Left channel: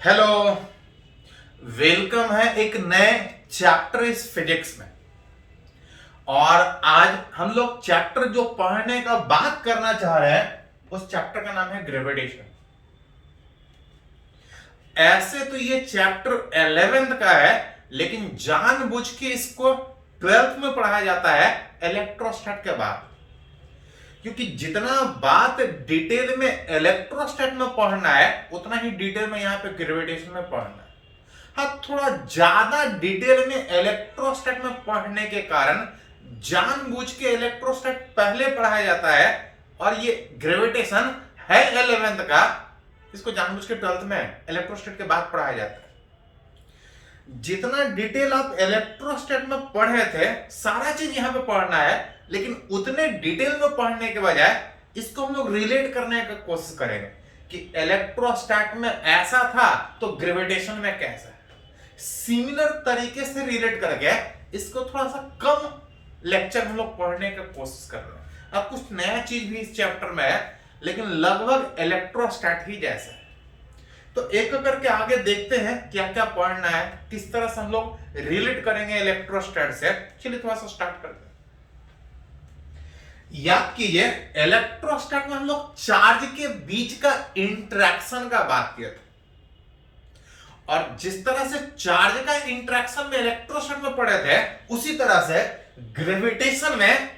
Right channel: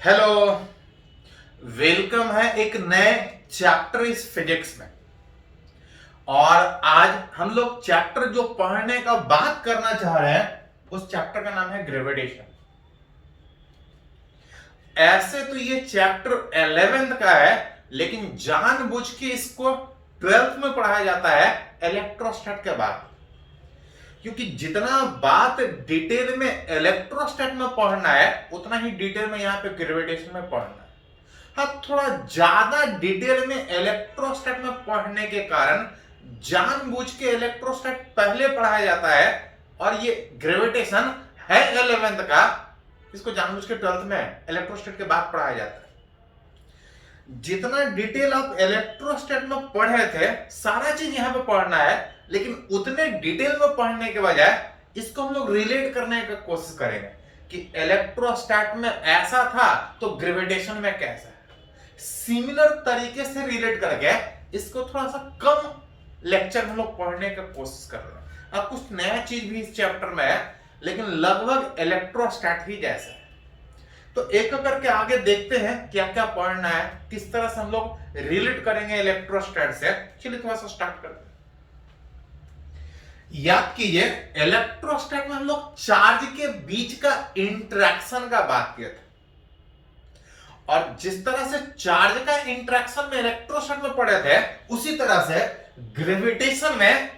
Hello. Welcome है एक नए चैप्टर इस फिजिक्स में। और आज हम लोग चैप्टर जो पढ़ने का बात करना चाह रहे हैं उस चैप्टर का नाम है ग्रेविटेशन। ऐसे तो ये चैप्टर 11th का है, लेकिन जानबूझ के इसको 12th में पढ़ाया जाता है इलेक्ट्रोस्टैट के बाद, क्योंकि जितना बात डिटेल में इलेक्ट्रोस्टैट में पढ़ना है उतना ही डिटेल में यहां पे ग्रेविटेशन में पढ़ना है। हाँ, थोड़ा ज्यादा डिटेल में इलेक्ट्रोस्टैट में पढ़ने के कारण जानबूझ के इलेक्ट्रोस्टैट पहले पढ़ाया जाता है, और ये ग्रेविटेशन है 11th का, इसको जानबूझ के 12th में इलेक्ट्रोस्टैट के बाद पढ़ाया जाता है। जितना डिटेल आप इलेक्ट्रोस्टैट में पढ़े थे सारा चीज यहां पे पढ़ना है, लेकिन उतने डिटेल में पढ़ने के बजाय इसको हम लोग रिलेट करने का कोशिश करेंगे कि इलेक्ट्रोस्टैट में ऐसा था तो ग्रेविटेशन में कैसा है। सिमिलर तरीके से रिलेट करके इसको थोड़ा सा कम लेक्चर में लोग पढ़ने का कोशिश कर रहे हैं। अब कुछ नया चीज भी इस चैप्टर में है, लेकिन लगभग इलेक्ट्रोस्टैट ही जैसा है। तो एक करके आगे देखते हैं क्या क्या पढ़ना है, किस तरह से हम लोग रिलेट करेंगे इलेक्ट्रोस्टैट से। चलिए थोड़ा सा स्टार्ट करते हैं। याद कीजिए, इलेक्ट्रोस्टैट में हम लोग चार्ज के बीच का इंटरेक्शन का बात किए थे, और जिस तरह से चार्ज का इंटरेक्शन में इलेक्ट्रोस्टैट में पढ़े थे उसी तरह से ग्रेविटेशन में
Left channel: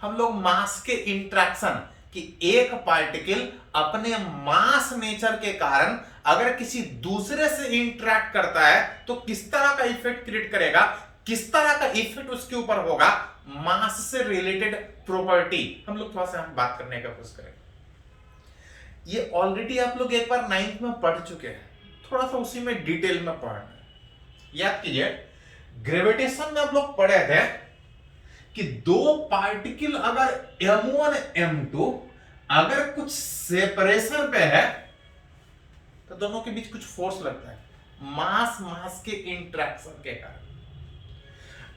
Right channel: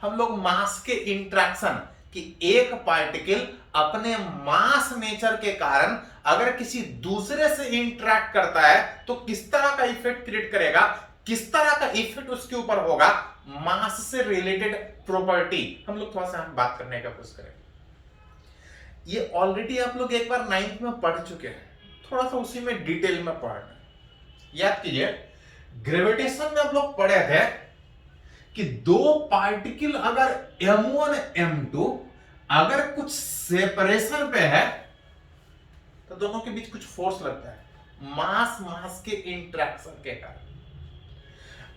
हम लोग मास के इंटरेक्शन कि एक पार्टिकल अपने मास नेचर के कारण अगर किसी दूसरे से इंटरेक्ट करता है तो किस तरह का इफेक्ट क्रिएट करेगा, किस तरह का इफेक्ट उसके ऊपर होगा, मास से रिलेटेड प्रॉपर्टी हम लोग थोड़ा सा हम बात करने का कोशिश करेंगे। ये ऑलरेडी आप लोग एक बार 9th में पढ़ चुके हैं, थोड़ा सा उसी में डिटेल में पढ़ना है। याद कीजिए, ग्रेविटेशन में आप लोग पढ़े थे कि दो पार्टिकल अगर m1 m2 अगर कुछ सेपरेशन पे है तो दोनों के बीच कुछ फोर्स लगता है मास मास के इंटरेक्शन के कारण।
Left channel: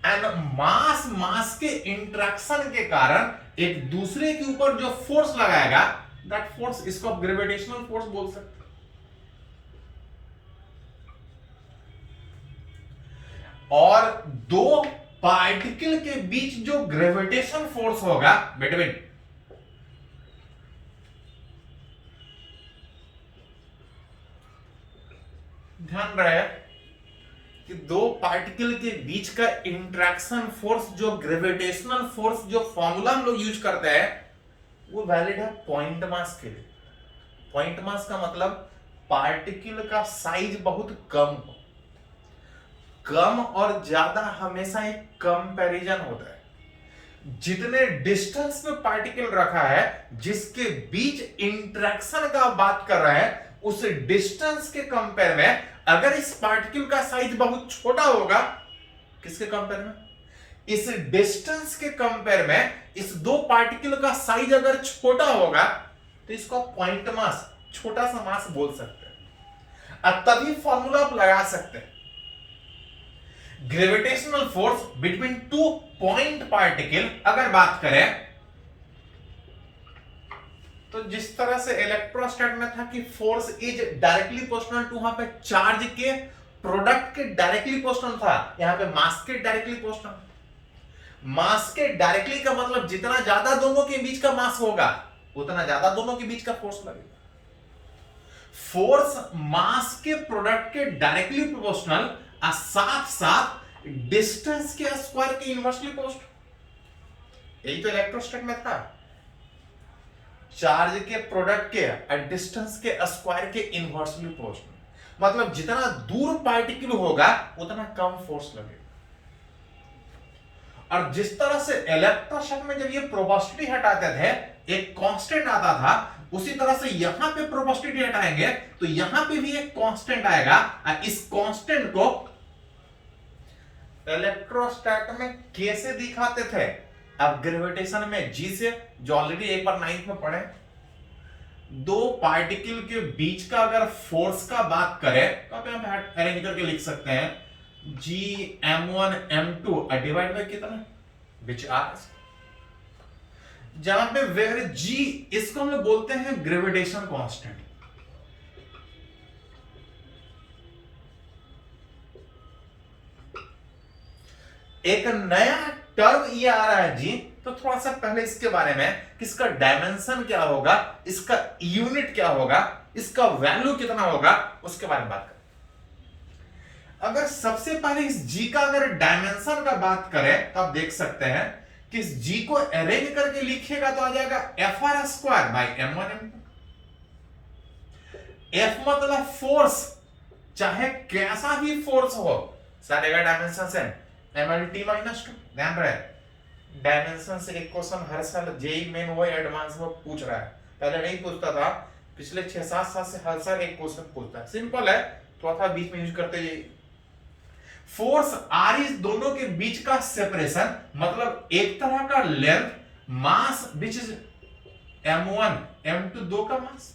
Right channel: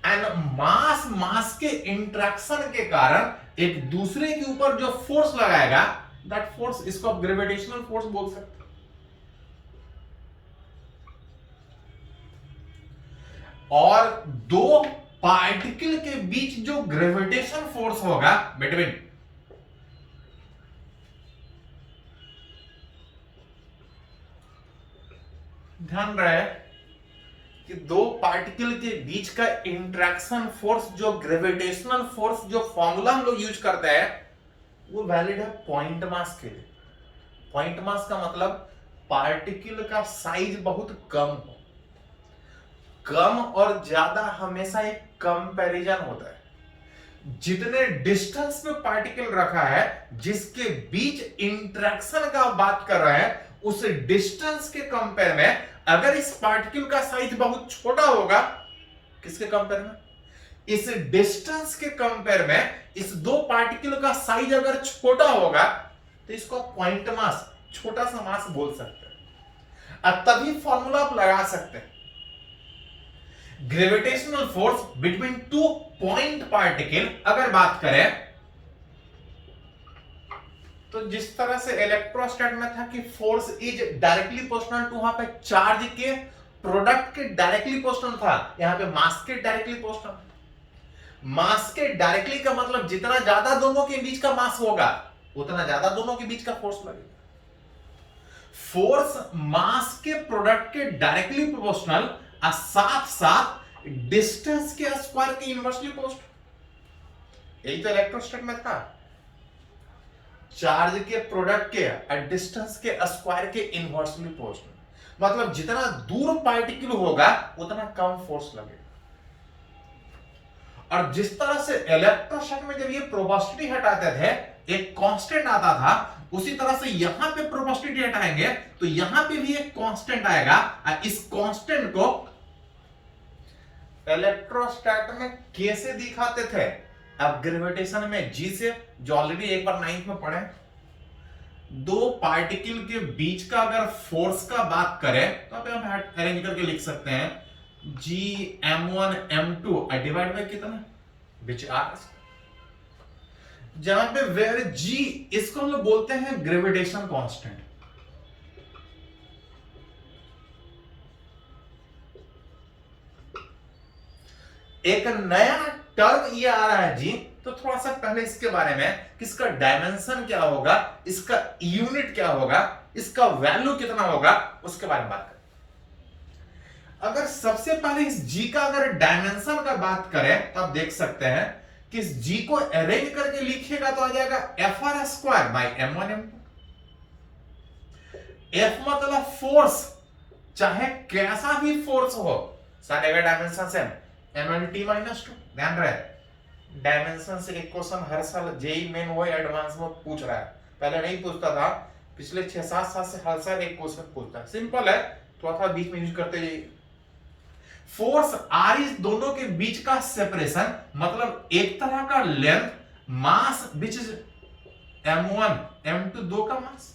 एंड मास मास के इंटरेक्शन के कारण एक दूसरे के ऊपर जो फोर्स लगाएगा, दैट फोर्स, इसको आप ग्रेविटेशनल फोर्स बोल सकते हैं। और दो पार्टिकल के बीच जो ग्रेविटेशन फोर्स होगा बिटवीन, ध्यान रहे कि दो पार्टिकल के बीच का इंटरेक्शन फोर्स, जो ग्रेविटेशनल फोर्स, जो फॉर्मूला हम लोग यूज करते हैं वो वैलिड है पॉइंट मास के लिए। पॉइंट मास का मतलब पार्टिकल का साइज बहुत कम हो। कम और ज्यादा हमेशा एक कंपैरिजन होता है। जितने डिस्टेंस में पार्टिकल रखा है, जिसके बीच इंटरेक्शन का बात कर रहे हैं, उस डिस्टेंस के कंपेयर में अगर इस पार्टिकल का साइज बहुत छोटा होगा, किसके कंपेयर में, इस डिस्टेंस के कंपेयर में इस दो पार्टिकल का साइज अगर छोटा होगा तो इसको पॉइंट मास, छोटा सा मास बोल सकते हैं। अब तभी फॉर्मूला आप लगा सकते हैं। Gravitational force between two point particle अगर बात करें तो जिस तरह से इलेक्ट्रोस्टैट में था कि force is directly proportional to, वहां पे चार्ज के प्रोडक्ट के डायरेक्टली प्रोपोर्शनल था, यहां पे मास के डायरेक्टली प्रोपोर्शनल। मास के डायरेक्टली का मतलब जितना ज्यादा दोनों के बीच का मास होगा उतना ज्यादा दोनों के बीच का फोर्स लगेगा। फोर्स मास के प्रोडक्ट के डायरेक्टली प्रोपोर्शनल और साथ साथ डिस्टेंस के स्क्वायर के इनवर्सली प्रोपोर्शनल। यही तो इलेक्ट्रोस्टैट में था, चार्ज के प्रोडक्ट के और डिस्टेंस के स्क्वायर के इनवर्सली प्रोपोर्शनल। मतलब जितना दूर पार्टिकल होगा उतना कम फोर्स लगेगा। और जिस तरह से इलेक्ट्रोस्टैट में जब ये प्रोपोर्शनलिटी हटाते थे एक कांस्टेंट आता था, उसी तरह से यहां पे प्रोपोर्शनलिटी हटाएंगे तो यहां पे भी एक कांस्टेंट आएगा, और इस कांस्टेंट को इलेक्ट्रोस्टैट में कैसे दिखाते थे, अब ग्रेविटेशन में जी से, जो ऑलरेडी एक बार 9th में पढ़े। दो पार्टिकल के बीच का अगर फोर्स का बात करें तो आप यहां पे अरेंज करके लिख सकते हैं जी m1 m2 डिवाइड बाय कितना, विच आर, जहां पे वेयर जी, इसको हम लोग बोलते हैं ग्रेविटेशन कांस्टेंट। एक नया टर्म ये आ रहा है जी, तो थोड़ा सा पहले इसके बारे में कि इसका डायमेंशन क्या होगा, इसका यूनिट क्या होगा, इसका वैल्यू कितना होगा, उसके बारे में बात करें। अगर सबसे पहले इस जी का अगर डायमेंशन का बात करें तो आप देख सकते हैं कि इस जी को अरेंज करके लिखिएगा तो आ जाएगा F R square by M one M two. F मतलब फोर्स, चाहे कैसा भी फोर्स हो, सारे का dimension same, M L T minus two. ध्यान रहे, डायमेंशन से एक क्वेश्चन हर साल जेई मेन वो एडवांस में पूछ रहा है, पहले नहीं पूछता था, पिछले 6-7 साल से हर साल एक क्वेश्चन पूछता है। सिंपल है, थोड़ा बीच में यूज करते जाइए। फोर्स आर इस दोनों के बीच का सेपरेशन, मतलब एक तरह का length, mass which is m1 m2 दो का मास।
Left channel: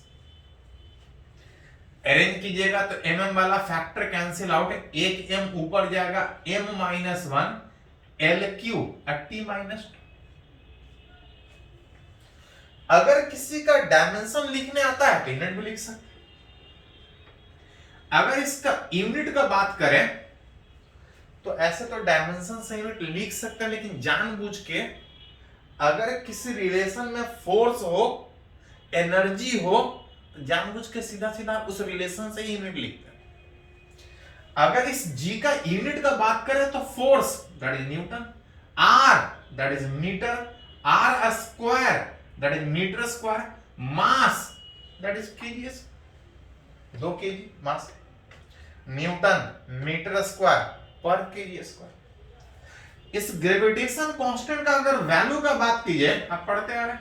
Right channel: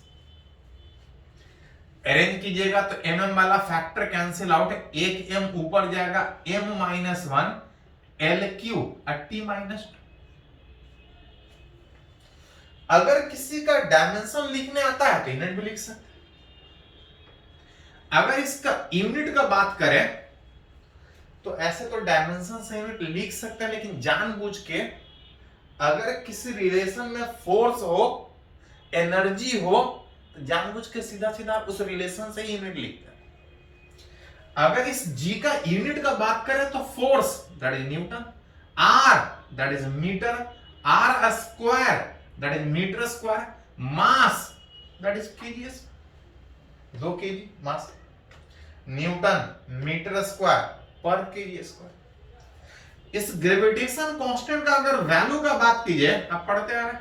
अरेंज कीजिएगा तो mm वाला फैक्टर कैंसिल आउट, एक m ऊपर जाएगा, m minus 1 L Q T minus 2। अगर किसी का डायमेंशन लिखने आता है तो यूनिट भी लिख सकते। अगर इसका यूनिट का बात करें तो ऐसे तो डायमेंशन से यूनिट लिख सकते हैं, लेकिन जानबूझ के अगर किसी रिलेशन में फोर्स हो, एनर्जी हो, तो जानबूझ के सीधा सीधा उस रिलेशन से ही यूनिट लिखते हैं। अगर इस जी का यूनिट का बात करें तो force that is newton, R that is metre, R square that is metre square, mass that is kg, 2 kg mass, newton metre square पर केजी स्क्वायर। इस ग्रेविटेशन कांस्टेंट का अगर वैल्यू का बात कीजिए, आप पढ़ते आ रहे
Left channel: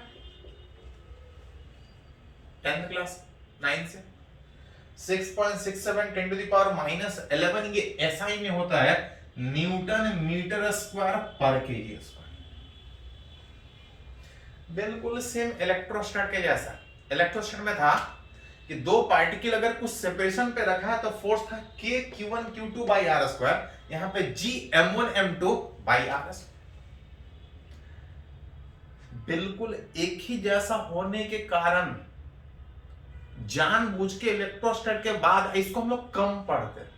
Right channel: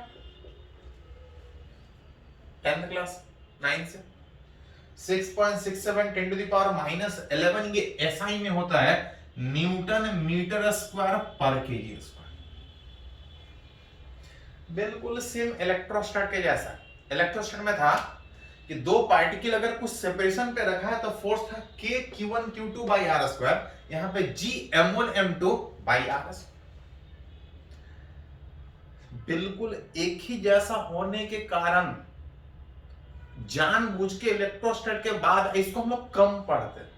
10th क्लास 9 से 6.67 10 टू द पावर माइनस 11, ये एसआई में होता है न्यूटन मीटर स्क्वायर पर केजी स्क्वायर। बिल्कुल सेम इलेक्ट्रोस्टैट के जैसा। इलेक्ट्रोस्टैट में था कि दो पार्टिकल अगर कुछ सेपरेशन पे रखा है तो फोर्स था k q1 q2 by R square, यहां पे g m1 m2 by R square. बिल्कुल एक ही जैसा होने के कारण जानबूझ के इलेक्ट्रोस्टैट के बाद इसको हम लोग कम पढ़ते हैं,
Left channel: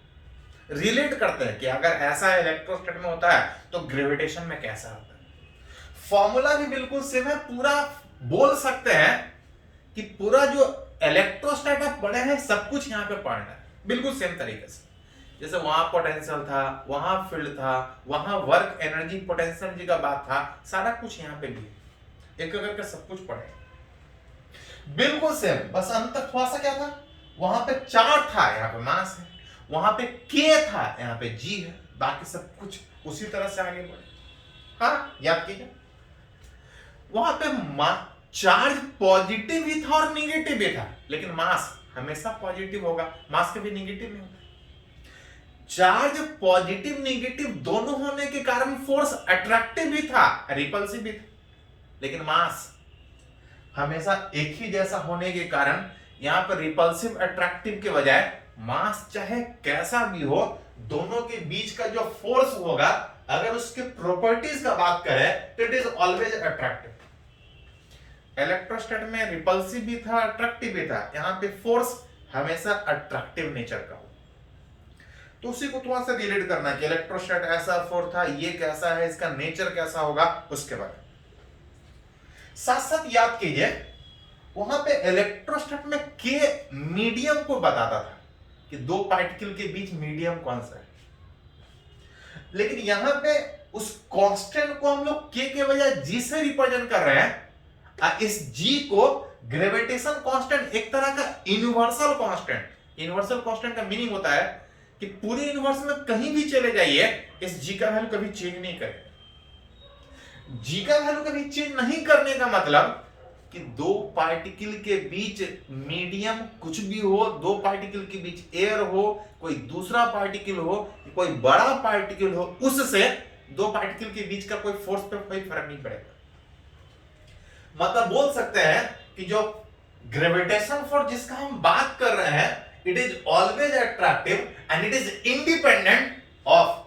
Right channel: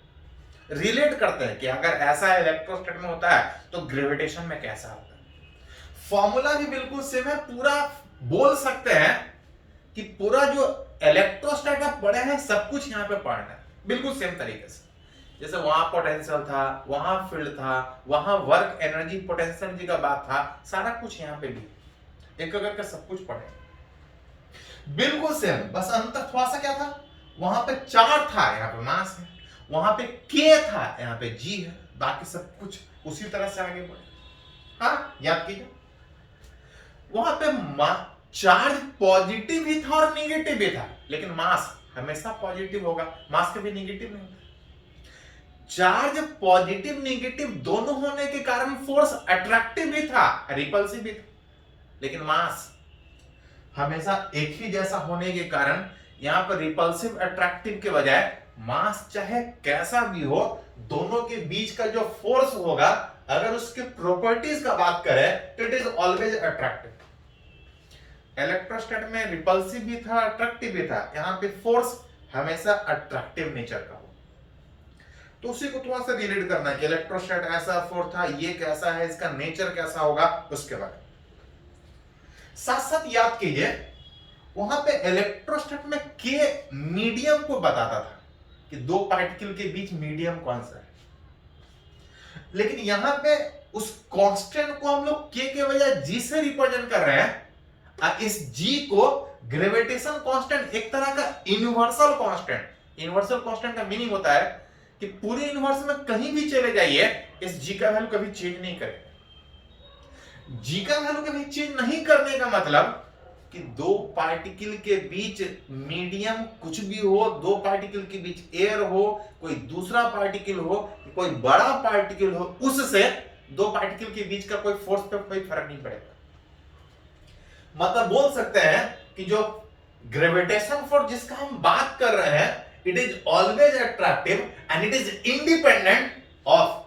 रिलेट करते हैं कि अगर ऐसा इलेक्ट्रोस्टैट में होता है तो ग्रेविटेशन में कैसा होता है। फॉर्मूला भी बिल्कुल सेम है, पूरा बोल सकते हैं कि पूरा जो इलेक्ट्रोस्टैट आप पढ़े हैं सब कुछ यहां पे पढ़ना है बिल्कुल सेम तरीके से। जैसे वहां पोटेंशियल था, वहां फील्ड था, वहां वर्क एनर्जी पोटेंशियल एनर्जी का बात था, सारा कुछ यहां पे भी एक करके सब कुछ पढ़े बिल्कुल सेम। बस अंतर थोड़ा सा क्या था, वहां पे चार था, यहाँ पे मास है, वहां पे के था, यहाँ पे जी है, बाकी सब कुछ उसी तरह से आगे बढ़े। हाँ याद कीजिए, वहां पे चार्ज पॉजिटिव भी था और निगेटिव भी था, लेकिन मास हमेशा पॉजिटिव होगा, मास कभी निगेटिव नहीं होता। चार्ज पॉजिटिव निगेटिव दोनों होने के कारण फोर्स अट्रैक्टिव भी था, रिपल्सिव भी था, लेकिन मास हमेशा एक ही जैसा होने के कारण यहां पर रिपल्सिव अट्रैक्टिव के बजाय मास चाहे कैसा भी हो, दोनों के बीच का जो फोर्स होगा, अगर उसके प्रॉपर्टीज का बात करें तो इट इज ऑलवेज अट्रैक्टिव। इलेक्ट्रोस्टैट में रिपल्सिव भी था, अट्रैक्टिव भी था, यहां पे फोर्स हमेशा अट्रैक्टिव नेचर का हो। तो उसी को थोड़ा सा रिलेट करना कि इलेक्ट्रोस्टैट ऐसा फोर्स था, ये कैसा है, इसका नेचर कैसा होगा, उसके बारे में साथ साथ याद कीजिए। वहां पे इलेक्ट्रोस्टैट में के मीडियम को बताता था कि दो पार्टिकल के बीच मीडियम कौन सा है, लेकिन यहां पे उस कांस्टेंट को हम लोग के बजाय जी से रिप्रेजेंट कर रहे हैं। इस जी को ग्रेविटेशन कांस्टेंट, एक तरह का यूनिवर्सल कांस्टेंट। यूनिवर्सल कांस्टेंट का मीनिंग होता है कि पूरे यूनिवर्स में कहीं भी चले जाइए, इस जी का वैल्यू कभी चेंज नहीं करेगा। जी का वैल्यू कभी चेंज नहीं करने का मतलब कि दो पार्टिकल के बीच मीडियम कुछ भी हो, दो पार्टिकल के बीच एयर हो, कोई दूसरा पार्टिकल हो, कोई बड़ा पार्टिकल हो, उससे दो पार्टिकल के बीच का कोई फोर्स पे कोई फर्क नहीं पड़ेगा। मतलब बोल सकते हैं कि जो ग्रेविटेशन फोर्स जिसका हम बात कर रहे हैं, it is always attractive and it is independent of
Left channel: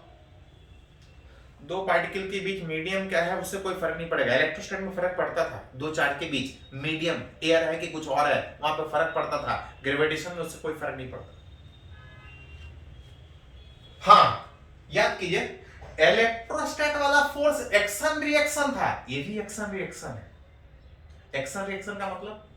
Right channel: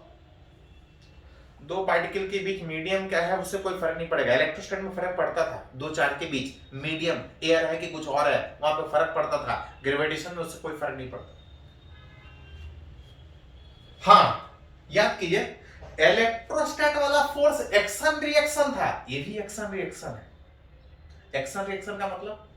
दो पार्टिकल के बीच मीडियम क्या है, उससे कोई फर्क नहीं पड़ेगा। इलेक्ट्रोस्टैट में फर्क पड़ता था, दो चार्ज के बीच मीडियम एयर है कि कुछ और है, वहां पे फर्क पड़ता था। ग्रेविटेशन में उससे कोई फर्क नहीं पड़ता। हाँ याद कीजिए, इलेक्ट्रोस्टैट वाला फोर्स एक्शन रिएक्शन था, ये भी एक्शन रिएक्शन है। एक्शन रिएक्शन का मतलब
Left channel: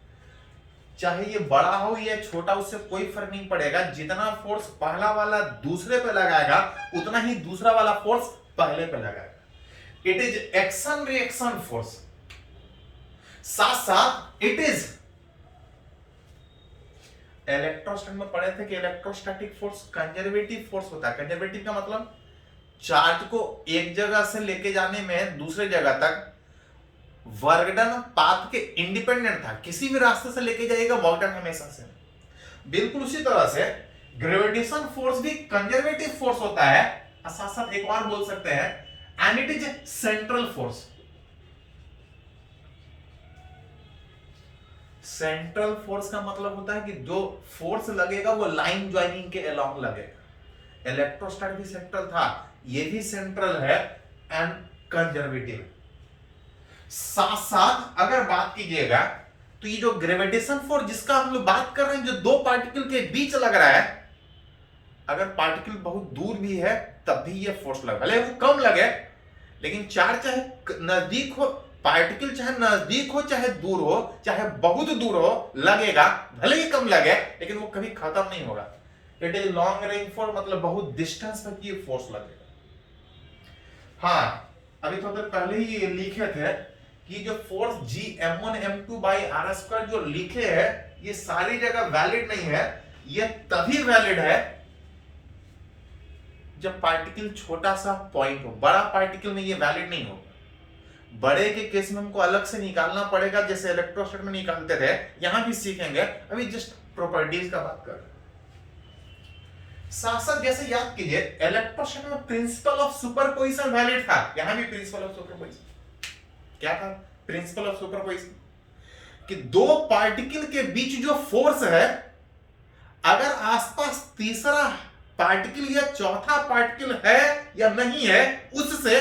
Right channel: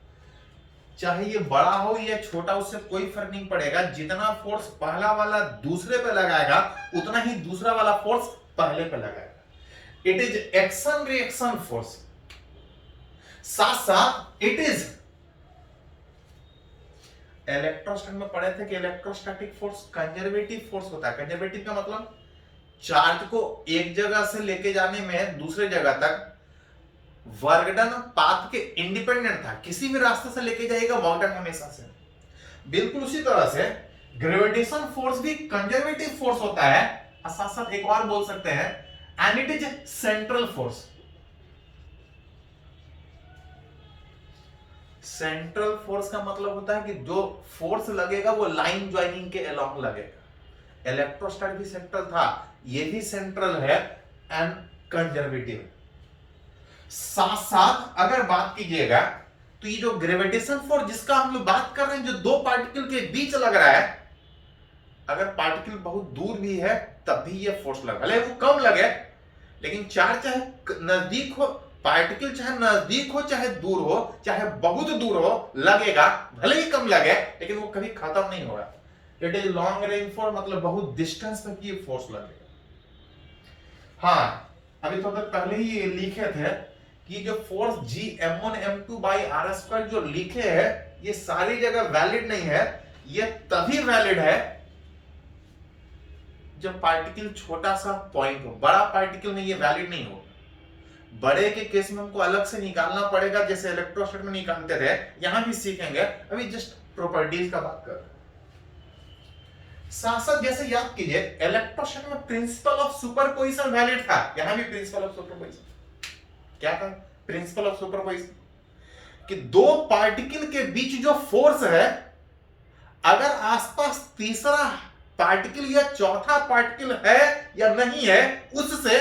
चाहे ये बड़ा हो या छोटा, उससे कोई फर्क नहीं पड़ेगा, जितना फोर्स पहला वाला दूसरे पे लगाएगा उतना ही दूसरा वाला फोर्स पहले पे लगाएगा। It is action reaction force. साथ साथ इट इज, इलेक्ट्रोस्टैट में पढ़े थे कि इलेक्ट्रोस्टैटिक फोर्स कंजर्वेटिव फोर्स होता है। कंजर्वेटिव का मतलब चार्ज को एक जगह से लेके जाने में दूसरे जगह तक वर्क डन पाथ के इंडिपेंडेंट था, किसी भी रास्ते से लेके जाएगा वर्क डन हमेशा से। बिल्कुल उसी तरह से ग्रेविटेशन फोर्स भी कंजर्वेटिव फोर्स होता है, और साथ साथ एक और बोल सकते हैं, and it is central force. Central force का मतलब होता है कि जो फोर्स लगेगा वो लाइन ज्वाइनिंग के अलोंग लगेगा। इलेक्ट्रोस्टैट भी सेंट्रल था, ये भी सेंट्रल है एंड कंजर्वेटिव। साथ साथ अगर बात कीजिएगा तो ये जो ग्रेविटेशन फोर्स जिसका हम लोग बात कर रहे हैं, जो दो पार्टिकल के बीच लग रहा है, अगर पार्टिकल बहुत दूर भी है तब भी ये फोर्स लगा, भले वो कम लगे, लेकिन चार्ज चाहे नजदीक हो, पार्टिकल चाहे नजदीक हो चाहे दूर हो, चाहे बहुत दूर हो, लगेगा, भले ही कम लगे लेकिन वो कभी खत्म नहीं होगा। It is long range force, मतलब बहुत डिस्टेंस तक ये फोर्स लगेगा। हाँ, अभी थोड़ा देर पहले ही ये लिखे थे कि जो फोर्स G m1m2/r² जो लिखे है, ये सारी जगह वैलिड नहीं है। ये तभी वैलिड है जब पार्टिकल छोटा सा पॉइंट हो, बड़ा पार्टिकल में ये वैलिड नहीं होगा। बड़े के केस में हमको अलग से निकालना पड़ेगा, जैसे इलेक्ट्रोस्टैट में निकालते थे, यहां भी सीखेंगे। अभी जस्ट प्रॉपर्टीज का बात कर रहे हैं। साथ साथ जैसे याद कीजिए, इलेक्ट्रोस्टैट में प्रिंसिपल ऑफ सुपरपोजिशन वैलिड था, यहां भी प्रिंसिपल ऑफ सुपरपोजिशन क्या था? प्रिंसिपल ऑफ सुपरपोजिशन कि दो पार्टिकल के बीच जो फोर्स है, अगर आसपास तीसरा पार्टिकल या चौथा पार्टिकल है या नहीं है, उससे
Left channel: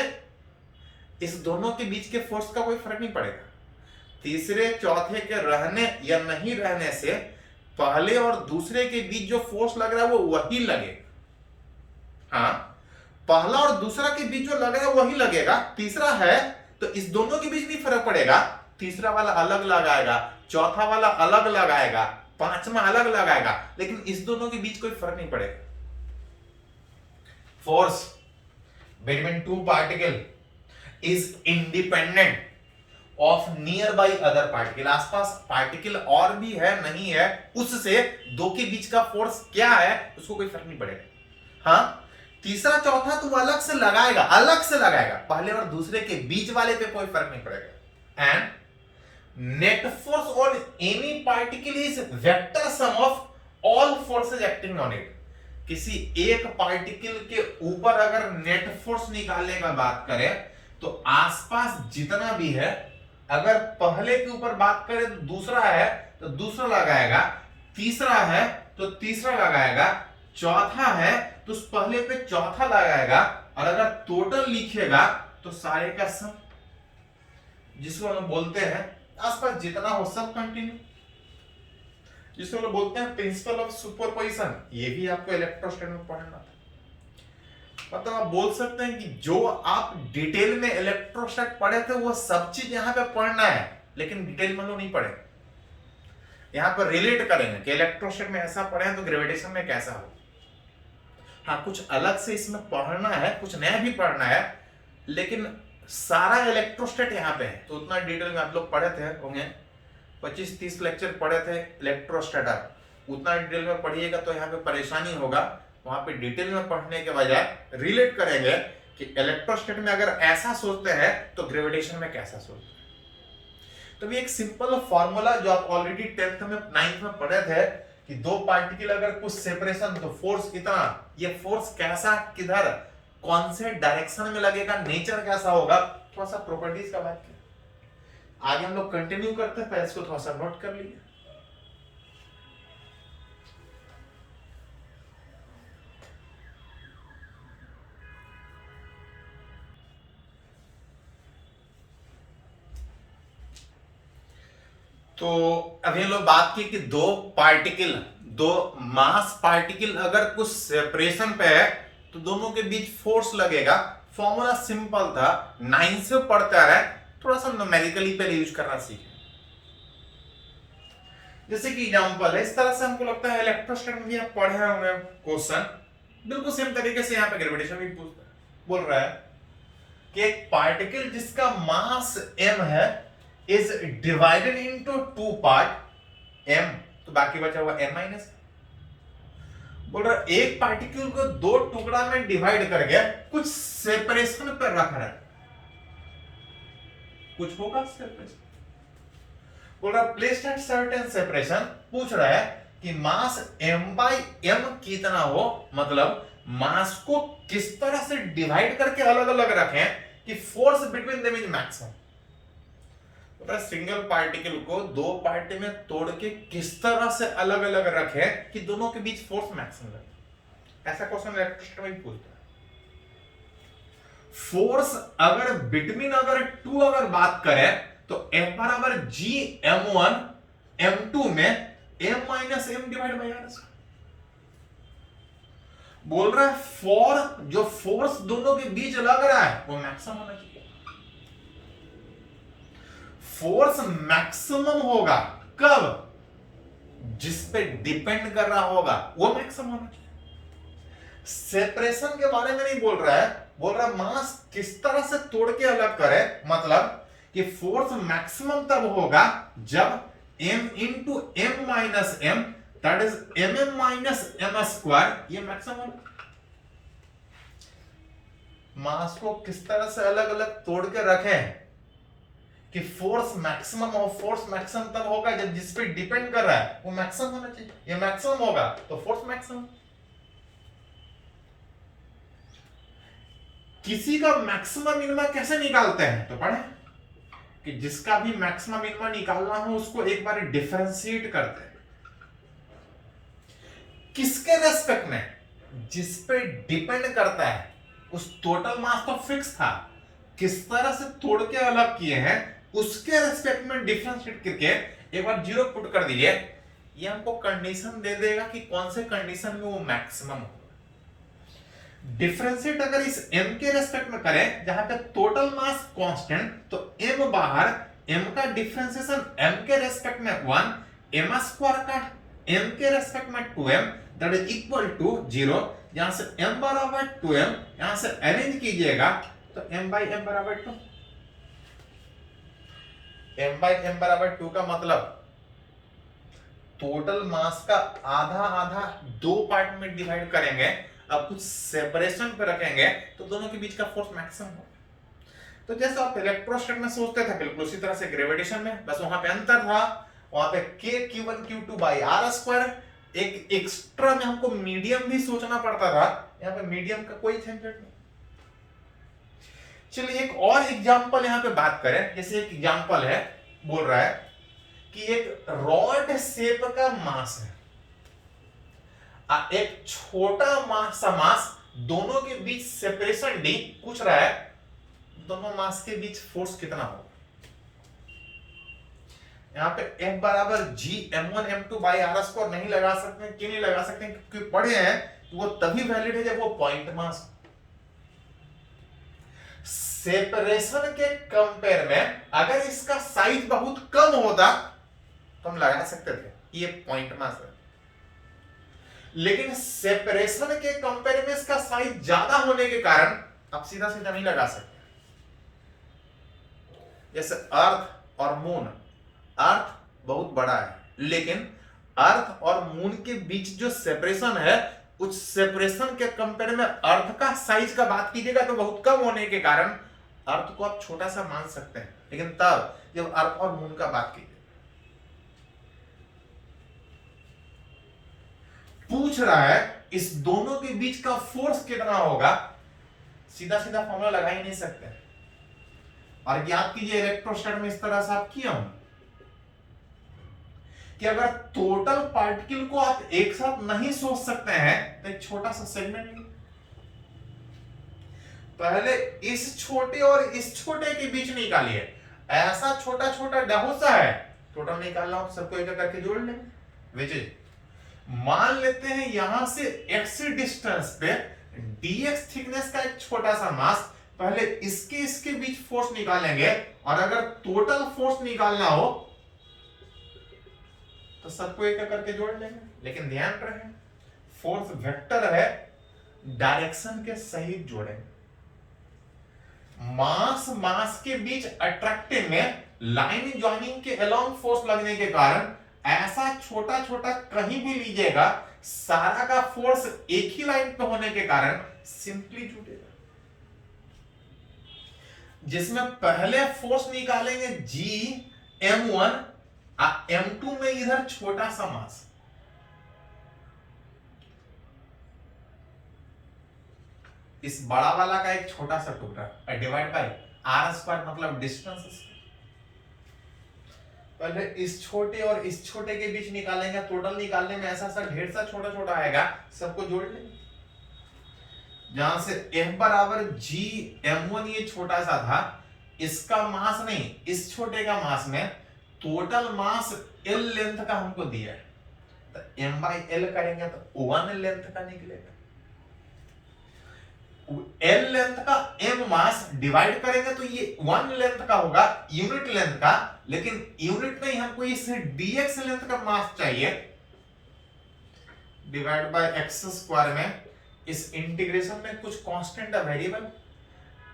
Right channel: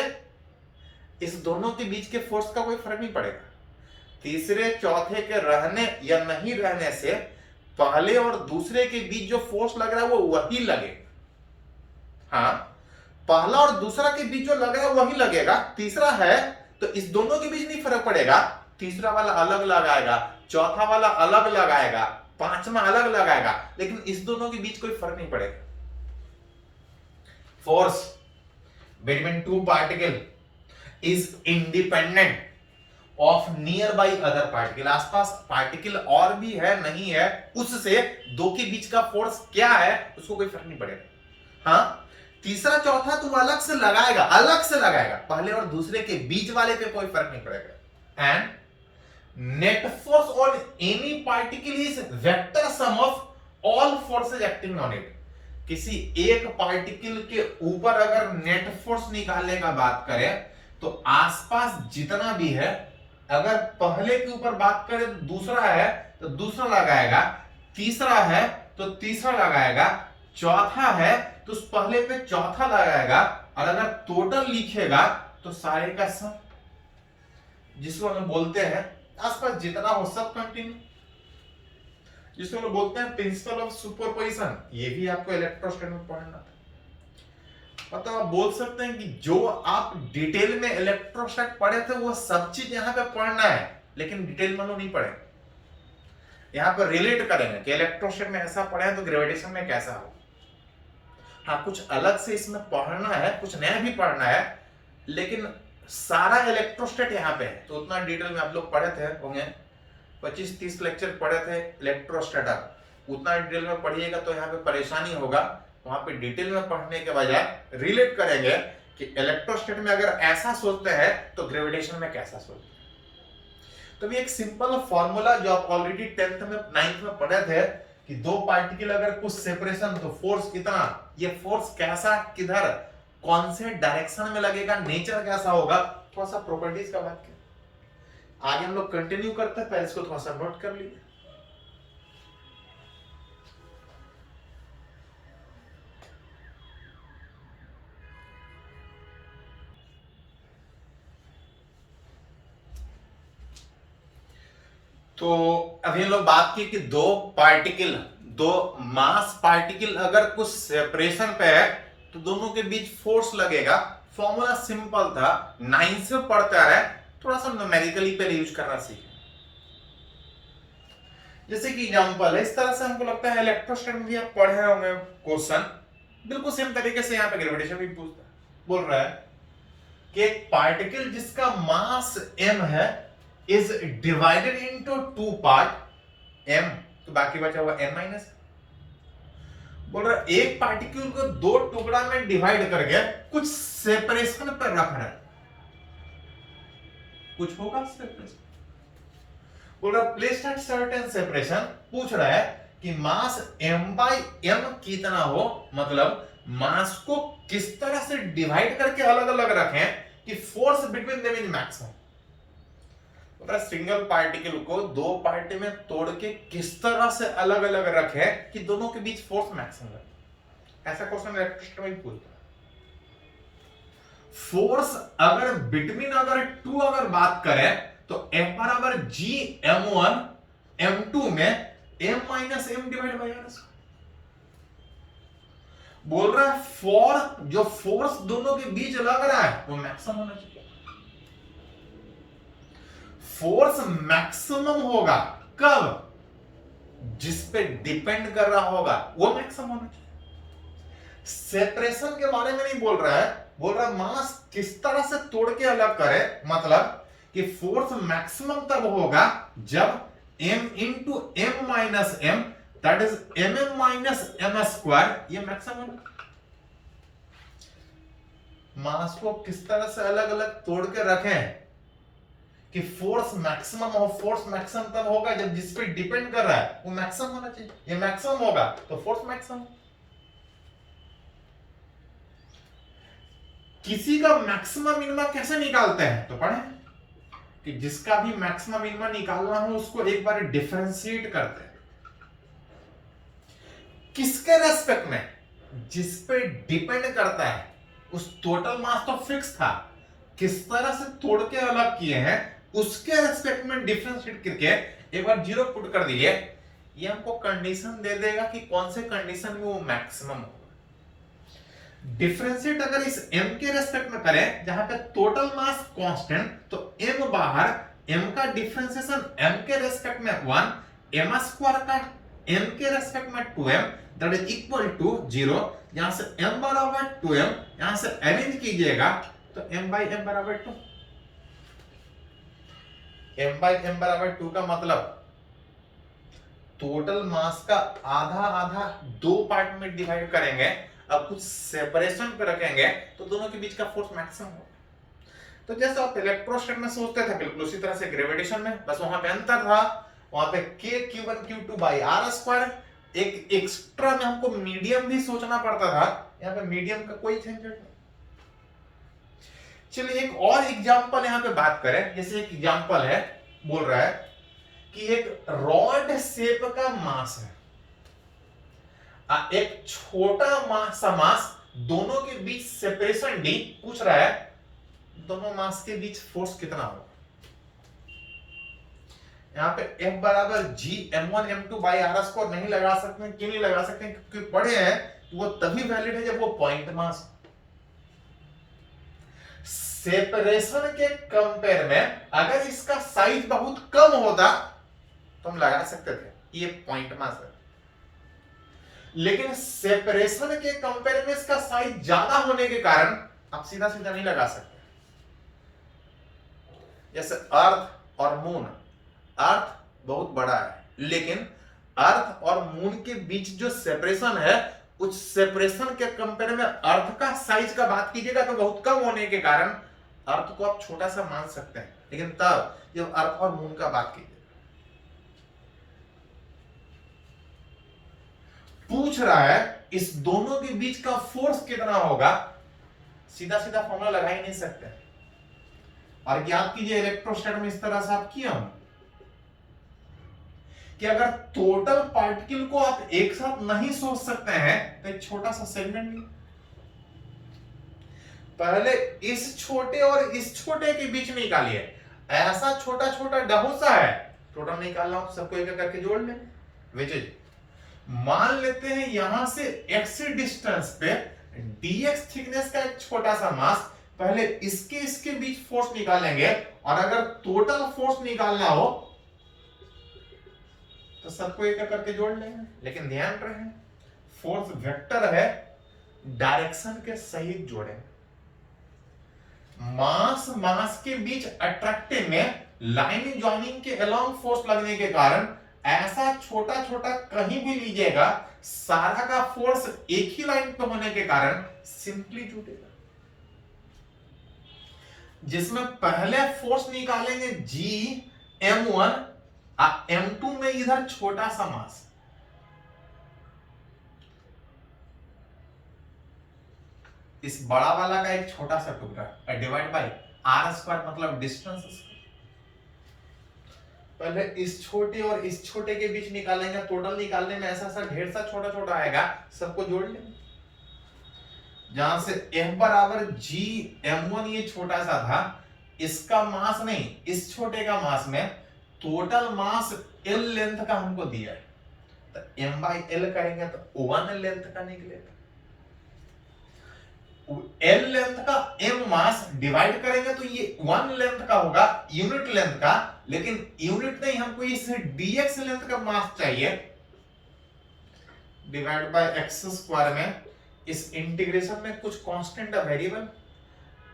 इस दोनों के बीच के फोर्स का कोई फर्क नहीं पड़ेगा। तीसरे चौथे के रहने या नहीं रहने से पहले और दूसरे के बीच जो फोर्स लग रहा है वो वही लगेगा। हाँ, पहला और दूसरा के बीच जो लगेगा वही लगेगा। तीसरा है तो इस दोनों के बीच नहीं फर्क पड़ेगा, तीसरा वाला अलग लगाएगा, चौथा वाला अलग लगाएगा, पांचवा अलग लगाएगा, लेकिन इस दोनों के बीच कोई फर्क नहीं पड़ेगा। Force between two particle is independent of near by other particle. आसपास पार्टिकल और भी है नहीं है, उससे दो के बीच का फोर्स क्या है उसको कोई फर्क नहीं पड़ेगा। हाँ, तीसरा चौथा तो अलग से लगाएगा, अलग से लगाएगा, पहले और दूसरे के बीच वाले पे कोई फर्क नहीं पड़ेगा। And net force on any particle is vector sum of all forces acting on it. किसी एक पार्टिकल के ऊपर अगर नेट फोर्स निकालने का बात करें तो आसपास जितना भी है, अगर पहले के ऊपर बात करें तो दूसरा है तो दूसरा लगाएगा, तीसरा है तो तीसरा लगाएगा, चौथा है तो उस पहले पे चौथा लगाएगा, और अगर टोटल लिखेगा तो सारे का सब, जिसको हम बोलते हैं आसपास जितना हो सब कंटिन्यू, जिसको हम बोलते हैं प्रिंसिपल ऑफ सुपरपोजिशन। ये भी आपको इलेक्ट्रोस्टैट में पढ़ना था। मतलब आप बोल सकते हैं कि जो आप डिटेल में इलेक्ट्रोस्टैट पढ़े थे वो सब चीज यहां पे पढ़ना है, लेकिन डिटेल में नहीं पढ़े। यहां पर रिलेट करेंगे कि इलेक्ट्रोस्टैट में ऐसा पढ़े तो ग्रेविटेशन में कैसा हो। हाँ, कुछ अलग से इसमें पढ़ना है, कुछ नया भी पढ़ना है, लेकिन सारा इलेक्ट्रोस्टैट यहाँ पे है, तो उतना डिटेल में आप लोग पढ़े थे होंगे, 25-30 लेक्चर पढ़े थे इलेक्ट्रोस्टैट, उतना डिटेल में पढ़िएगा तो यहाँ पे परेशानी होगा। वहां पे डिटेल में पढ़ने के बजाय रिलेट करेंगे कि इलेक्ट्रोस्टैट में अगर ऐसा सोचते हैं तो ग्रेविटेशन में कैसा सोचते हैं। तो भी एक सिंपल फॉर्मूला जो आप ऑलरेडी 10th में 9th में पढ़े थे कि दो पार्टिकल अगर कुछ सेपरेशन तो फोर्स कितना, ये फोर्स कैसा, किधर, कौन से डायरेक्शन में लगेगा, नेचर कैसा होगा, थोड़ा सा प्रॉपर्टीज का बात किया। आगे हम लोग कंटिन्यू करते हैं, पहले इसको थोड़ा सा नोट कर लीजिए। तो अभी हम लोग बात की कि दो पार्टिकल, दो मास पार्टिकल अगर कुछ सेपरेशन पे है तो दोनों के बीच फोर्स लगेगा। फॉर्मूला सिंपल था, 9 से पढ़कर है, थोड़ा सा न्यूमेरिकली पहले यूज करना सीखे। जैसे कि एग्जांपल है, इस तरह से हमको लगता है इलेक्ट्रोस्टैटिक में भी आप पढ़े होंगे क्वेश्चन, बिल्कुल सेम तरीके से यहाँ पे ग्रेविटेशन भी पूछता है। बोल रहा है कि एक पार्टिकल जिसका मास m है is divided into 2 part, m तो बाकी बचा हुआ m माइनस। बोल रहा है एक पार्टिकल को 2 टुकड़ा में डिवाइड करके कुछ सेपरेशन पर रख रहा है, कुछ होगा सेपरेशन। बोल रहा प्लेस एट सर्टेन सेपरेशन, पूछ रहा है कि मास m/m कितना हो, मतलब मास को किस तरह से डिवाइड करके अलग अलग रखें कि force between them is maximum. Single particle को 2 पार्ट में तोड़ के किस तरह से अलग अलग रखें कि दोनों के बीच फोर्स मैक्सिमम लगे। ऐसा क्वेश्चन इलेक्ट्रोस्टैटिक में पूछता है। फोर्स अगर बिटवीन अगर 2 अगर बात करें तो F बराबर G m1 m2 में m minus m divide by r। बोल रहा है फॉर जो फोर्स दोनों के बीच लग रहा है वो मैक्सिमम होना चाहिए। फोर्स मैक्सिमम होगा कब, जिस पे डिपेंड कर रहा होगा वो मैक्सिमम होना चाहिए। सेपरेशन के बारे में नहीं बोल रहा है, बोल रहा है मास किस तरह से तोड़ के अलग करे, मतलब कि फोर्स मैक्सिमम तब होगा जब m into m minus m that is mm minus m square, ये मैक्सिमम होगा। मास को किस तरह से अलग अलग तोड़ के रखें कि फोर्स मैक्सिमम हो, फोर्स मैक्सिमम तब होगा जब जिस पे डिपेंड कर रहा है वो मैक्सिमम होना चाहिए। ये मैक्सिमम होगा तो फोर्स मैक्सिमम। किसी का मैक्सिमम मिनिमम कैसे निकालते हैं तो पढ़े कि जिसका भी मैक्सिमम मिनिमम निकालना हो उसको एक बार डिफरेंशिएट करते हैं। किसके रेस्पेक्ट में, जिस पे डिपेंड करता है। उस टोटल मास तो फिक्स था, किस तरह से तोड़ के अलग किए हैं उसके रेस्पेक्ट में डिफरेंशिएट करके एक बार 0 पुट कर दीजिए, ये हमको कंडीशन दे देगा कि कौन से कंडीशन में वो मैक्सिमम होगा। डिफरेंशिएट अगर इस m के रेस्पेक्ट में करें जहां पे टोटल मास कांस्टेंट, तो m बाहर, m का डिफरेंशिएशन m के रेस्पेक्ट में 1, m स्क्वायर का m के रेस्पेक्ट में 2m that is equal to 0। यहां से m बराबर 2m, यहां से अरेंज कीजिएगा तो m बाई m बराबर 2। m बाई m बराबर 2 का मतलब टोटल मास का आधा आधा 2 पार्ट में डिवाइड करेंगे, अब कुछ सेपरेशन पे रखेंगे तो दोनों के बीच का फोर्स मैक्सिमम होगा। तो जैसे आप इलेक्ट्रोस्टैटिक में सोचते थे बिल्कुल उसी तरह से ग्रेविटेशन में, बस वहां पे अंतर था, वहां पे k q1 q2 by r square, एक एक्स्ट्रा में हमको मीडियम भी सोचना पड़ता था, यहाँ पे मीडियम का कोई झंझट नहीं। चलिए एक और एग्जांपल यहाँ पे बात करें। जैसे एक एग्जांपल है, बोल रहा है कि एक रॉड शेप का मास है, एक छोटा सा मास, दोनों के बीच सेपरेशन d, पूछ रहा है दोनों मास के बीच फोर्स कितना होगा। यहाँ पे F बराबर G m1 m2 by r square नहीं लगा सकते। क्यों नहीं लगा सकते? क्योंकि पढ़े हैं कि वो तभी वैलिड है जब वो पॉइंट मास। सेपरेशन के कंपेयर में अगर इसका साइज बहुत कम होता तो हम लगा सकते थे ये पॉइंट मास है, लेकिन सेपरेशन के कंपेयर में इसका साइज ज्यादा होने के कारण आप सीधा सीधा नहीं लगा सकते। जैसे अर्थ और मून, अर्थ बहुत बड़ा है लेकिन अर्थ और मून के बीच जो सेपरेशन है उस सेपरेशन के कंपेयर में अर्थ का साइज का बात कीजिएगा तो बहुत कम होने के कारण अर्थ को आप छोटा सा मान सकते हैं, लेकिन तब जब अर्थ और मून का बात कीजिए, पूछ रहा है इस दोनों के बीच का फोर्स कितना होगा, सीधा सीधा फॉर्मूला लगा ही नहीं सकते। और याद कीजिए इलेक्ट्रोस्टैटिक में इस तरह से आप किया हूं कि अगर टोटल पार्टिकल को आप एक साथ नहीं सोच सकते हैं तो एक छोटा सा सेगमेंट लीजिए, पहले इस छोटे और इस छोटे के बीच निकालिए। ऐसा छोटा छोटा डहुसा है, टोटल निकालना हो सबको एक करके जोड़ लें। विच इज, मान लेते हैं यहां से x डिस्टेंस पे dx थिकनेस का एक छोटा सा मास पहले इसके इसके बीच फोर्स निकालेंगे, और अगर टोटल फोर्स निकालना हो तो सबको एक करके जोड़ लेंगे। लेकिन ध्यान रहे फोर्स वेक्टर है, डायरेक्शन के सहित जोड़ेंगे। मास मास के बीच अट्रैक्टिव में लाइन ज्वाइनिंग के अलोंग फोर्स लगने के कारण ऐसा छोटा छोटा कहीं भी लीजिएगा, सारा का फोर्स एक ही लाइन पे होने के कारण सिंपली जुड़ेगा। जिसमें पहले फोर्स निकालेंगे Gm1, M2 में इधर छोटा सा मास, इस बड़ा वाला का एक छोटा सा टुकड़ा डिवाइड बाय r² मतलब डिस्टेंस। पहले इस छोटे और इस छोटे के बीच निकालेंगे, टोटल निकालने में ऐसा सा ढेर सा छोटा छोटा आएगा, सबको जोड़ लेंगे। जहां से m बराबर Gm1 ये छोटा सा था, इसका मास नहीं, इस छोटे का मास में टोटल मास L लेंथ का हमको दिया है, तो m/L करेंगे तो 1 लेंथ का निकलेगा। L लेंथ का m मास डिवाइड करेंगे तो ये 1 लेंथ का होगा, यूनिट लेंथ का, लेकिन यूनिट नहीं, हमको इस dx लेंथ का मास चाहिए। डिवाइड बाय x² में इस इंटीग्रेशन में कुछ कांस्टेंट है, वेरिएबल,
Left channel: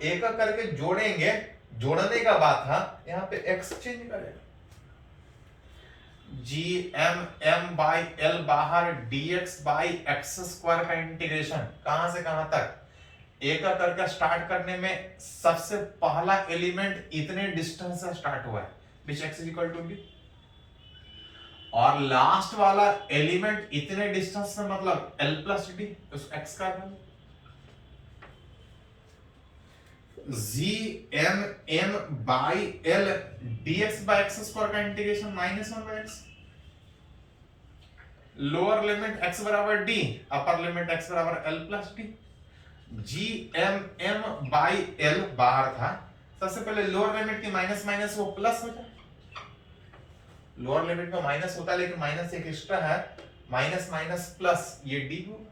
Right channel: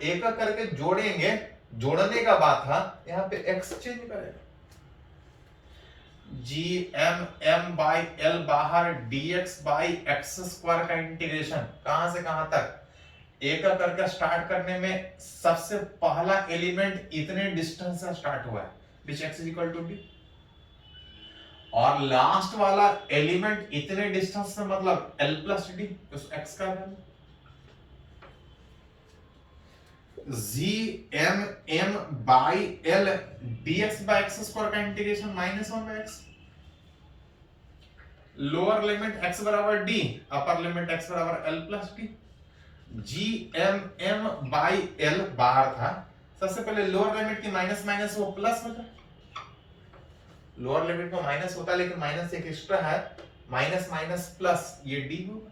एक करके जोड़ेंगे, जोड़ने का बात था, यहां पे x चेंज करेगा। Gm/L बाहर dx/x² का इंटीग्रेशन कहां से कहां तक, एक करके स्टार्ट करने में सबसे पहला एलिमेंट इतने डिस्टेंस से स्टार्ट हुआ है, which x = d, और लास्ट वाला एलिमेंट इतने डिस्टेंस से मतलब L + d, उस x का वैल्यू Gm/L dx/x² का integration -1/x, lower limit x बराबर d, अपर लिमिट x बराबर L + d। Gm/L बाहर था, सबसे पहले लोअर लिमिट की माइनस माइनस वो प्लस होता है, लोअर लिमिट में माइनस होता है लेकिन माइनस एक एक्स्ट्रा है, माइनस माइनस प्लस, ये d होगा।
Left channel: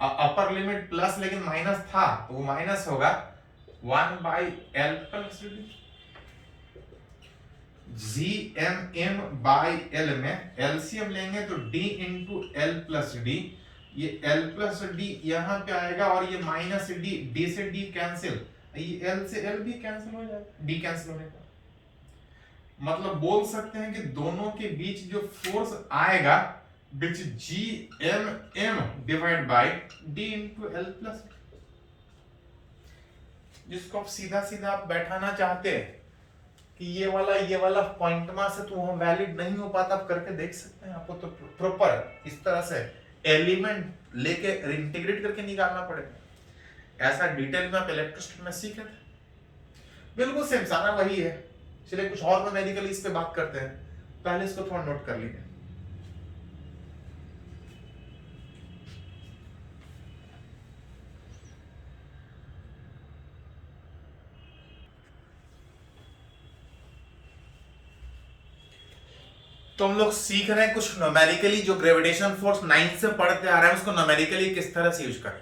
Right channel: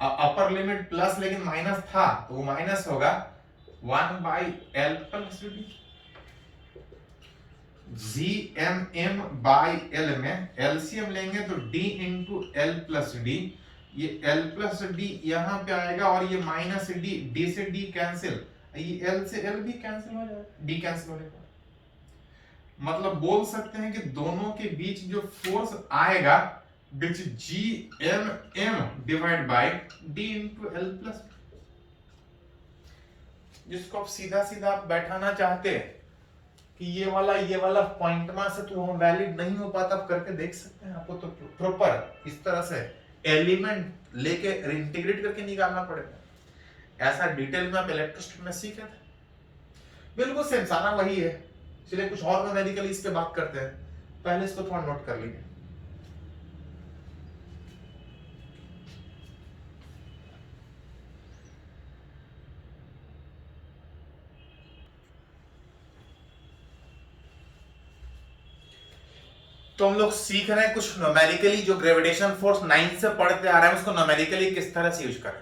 अपर लिमिट प्लस लेकिन माइनस था तो वो माइनस होगा, 1/L + d। Gm/L में एलसीएम लेंगे तो d × L + d, ये L + d यहां पे आएगा, और ये -d से d कैंसिल, ये L से L भी कैंसिल हो जाएगा, d कैंसिल होने पर। मतलब बोल सकते हैं कि दोनों के बीच जो फोर्स आएगा which Gmm divide by d × L + d, जिसको आप सीधा सीधा आप बैठाना चाहते हैं कि ये वाला पॉइंट मास है तो वो वैलिड नहीं हो पाता, आप करके देख सकते हैं। आपको तो प्रॉपर इस तरह से एलिमेंट लेके इंटीग्रेट करके निकालना पड़ेगा। ऐसा डिटेल में आप इलेक्ट्रोस्टैटिक में सीखे थे, बिल्कुल सेम सारा वही है। चलिए कुछ और मेडिकल इस पे बात करते हैं, पहले इसको थोड़ा नोट कर लीजिए। तो हम लोग सीख रहे हैं कुछ न्यूमेरिकली, जो ग्रेविटेशन फोर्स 9 से पढ़ते आ रहे हैं उसको न्यूमेरिकली किस तरह से यूज करें।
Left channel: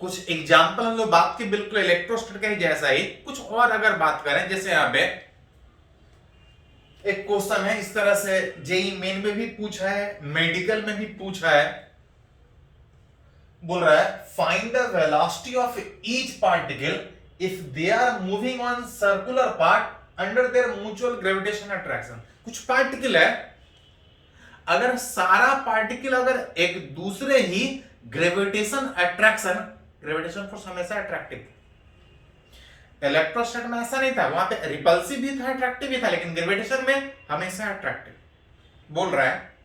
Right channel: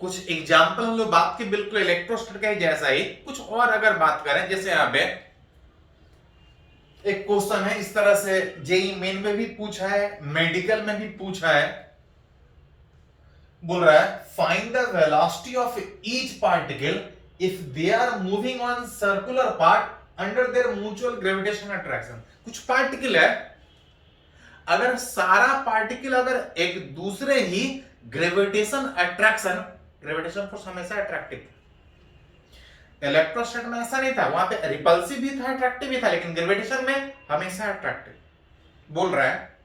कुछ एग्जांपल हम लोग बात की बिल्कुल इलेक्ट्रोस्टैटिक का ही जैसा ही, कुछ और अगर बात करें, जैसे यहां पे एक क्वेश्चन है इस तरह से, जेई मेन में भी पूछा है, मेडिकल में भी पूछा है, बोल रहा है find the velocity of each particle if they are moving on circular path under their mutual gravitation attraction. कुछ पार्टिकल है, अगर सारा पार्टिकल अगर एक दूसरे ही ग्रेविटेशन अट्रैक्शन, ग्रेविटेशन फोर्स हमेशा अट्रैक्टिव था, इलेक्ट्रोस्टैटिक में ऐसा नहीं था, वहां पे रिपल्सिव भी था, अट्रैक्टिव भी था, लेकिन ग्रेविटेशन में हमेशा अट्रैक्टिव। बोल रहा है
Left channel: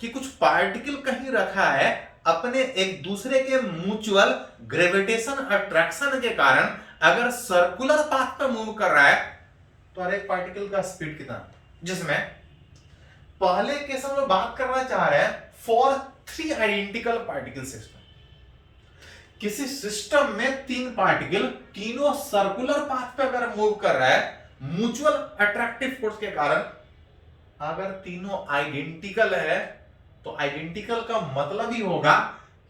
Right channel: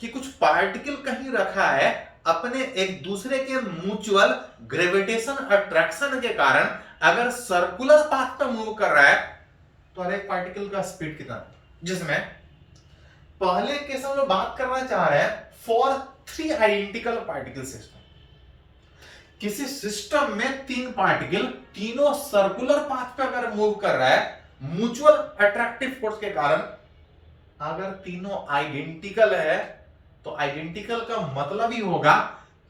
कि कुछ पार्टिकल कहीं रखा है, अपने एक दूसरे के म्यूचुअल ग्रेविटेशन अट्रैक्शन के कारण अगर सर्कुलर पाथ पे मूव कर रहा है तो हर एक पार्टिकल का स्पीड कितना, जिसमें पहले केस हम लोग बात करना चाह रहे हैं फॉर 3 आइडेंटिकल पार्टिकल सिस्टम। किसी सिस्टम में 3 पार्टिकल तीनों सर्कुलर पाथ पे अगर मूव कर रहा है म्यूचुअल अट्रैक्टिव फोर्स के कारण, अगर तीनों आइडेंटिकल है तो आइडेंटिकल का मतलब ही होगा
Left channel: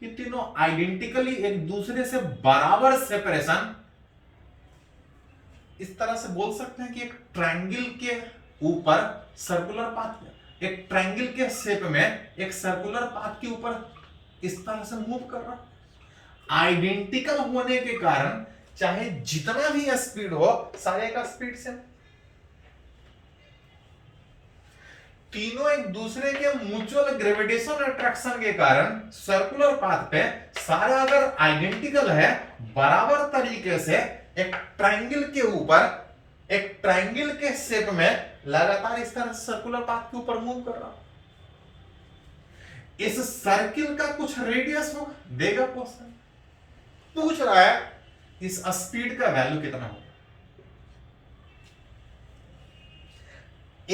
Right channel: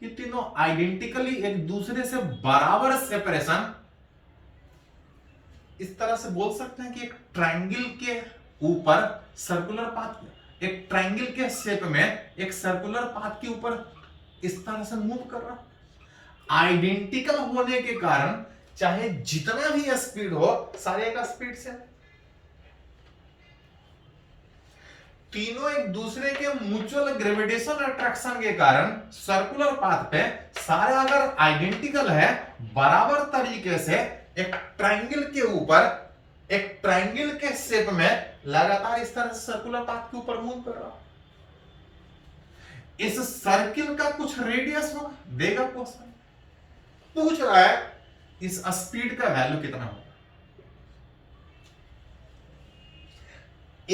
ये तीनों आइडेंटिकली एक दूसरे से बराबर सेपरेशन, इस तरह से बोल सकते हैं कि एक ट्रायंगल के ऊपर सर्कुलर पाथ, एक ट्रायंगल के शेप में एक सर्कुलर पाथ के ऊपर इस तरह से मूव कर रहा है। आइडेंटिकल होने के कारण चाहे जितना भी स्पीड हो, सारे का स्पीड से, तीनों एक दूसरे के म्यूचुअल ग्रेविटेशन अट्रैक्शन के कारण सर्कुलर पाथ पे सारे अगर आइडेंटिकल है, बराबर तरीके से एक ट्रायंगल के ऊपर, एक ट्रायंगल के शेप में लगातार इस तरह से सर्कुलर पाथ के ऊपर मूव कर रहा। इस सर्किल का कुछ रेडियस होगा, देगा क्वेश्चन, पूछ रहा है इस स्पीड का वैल्यू कितना होगा।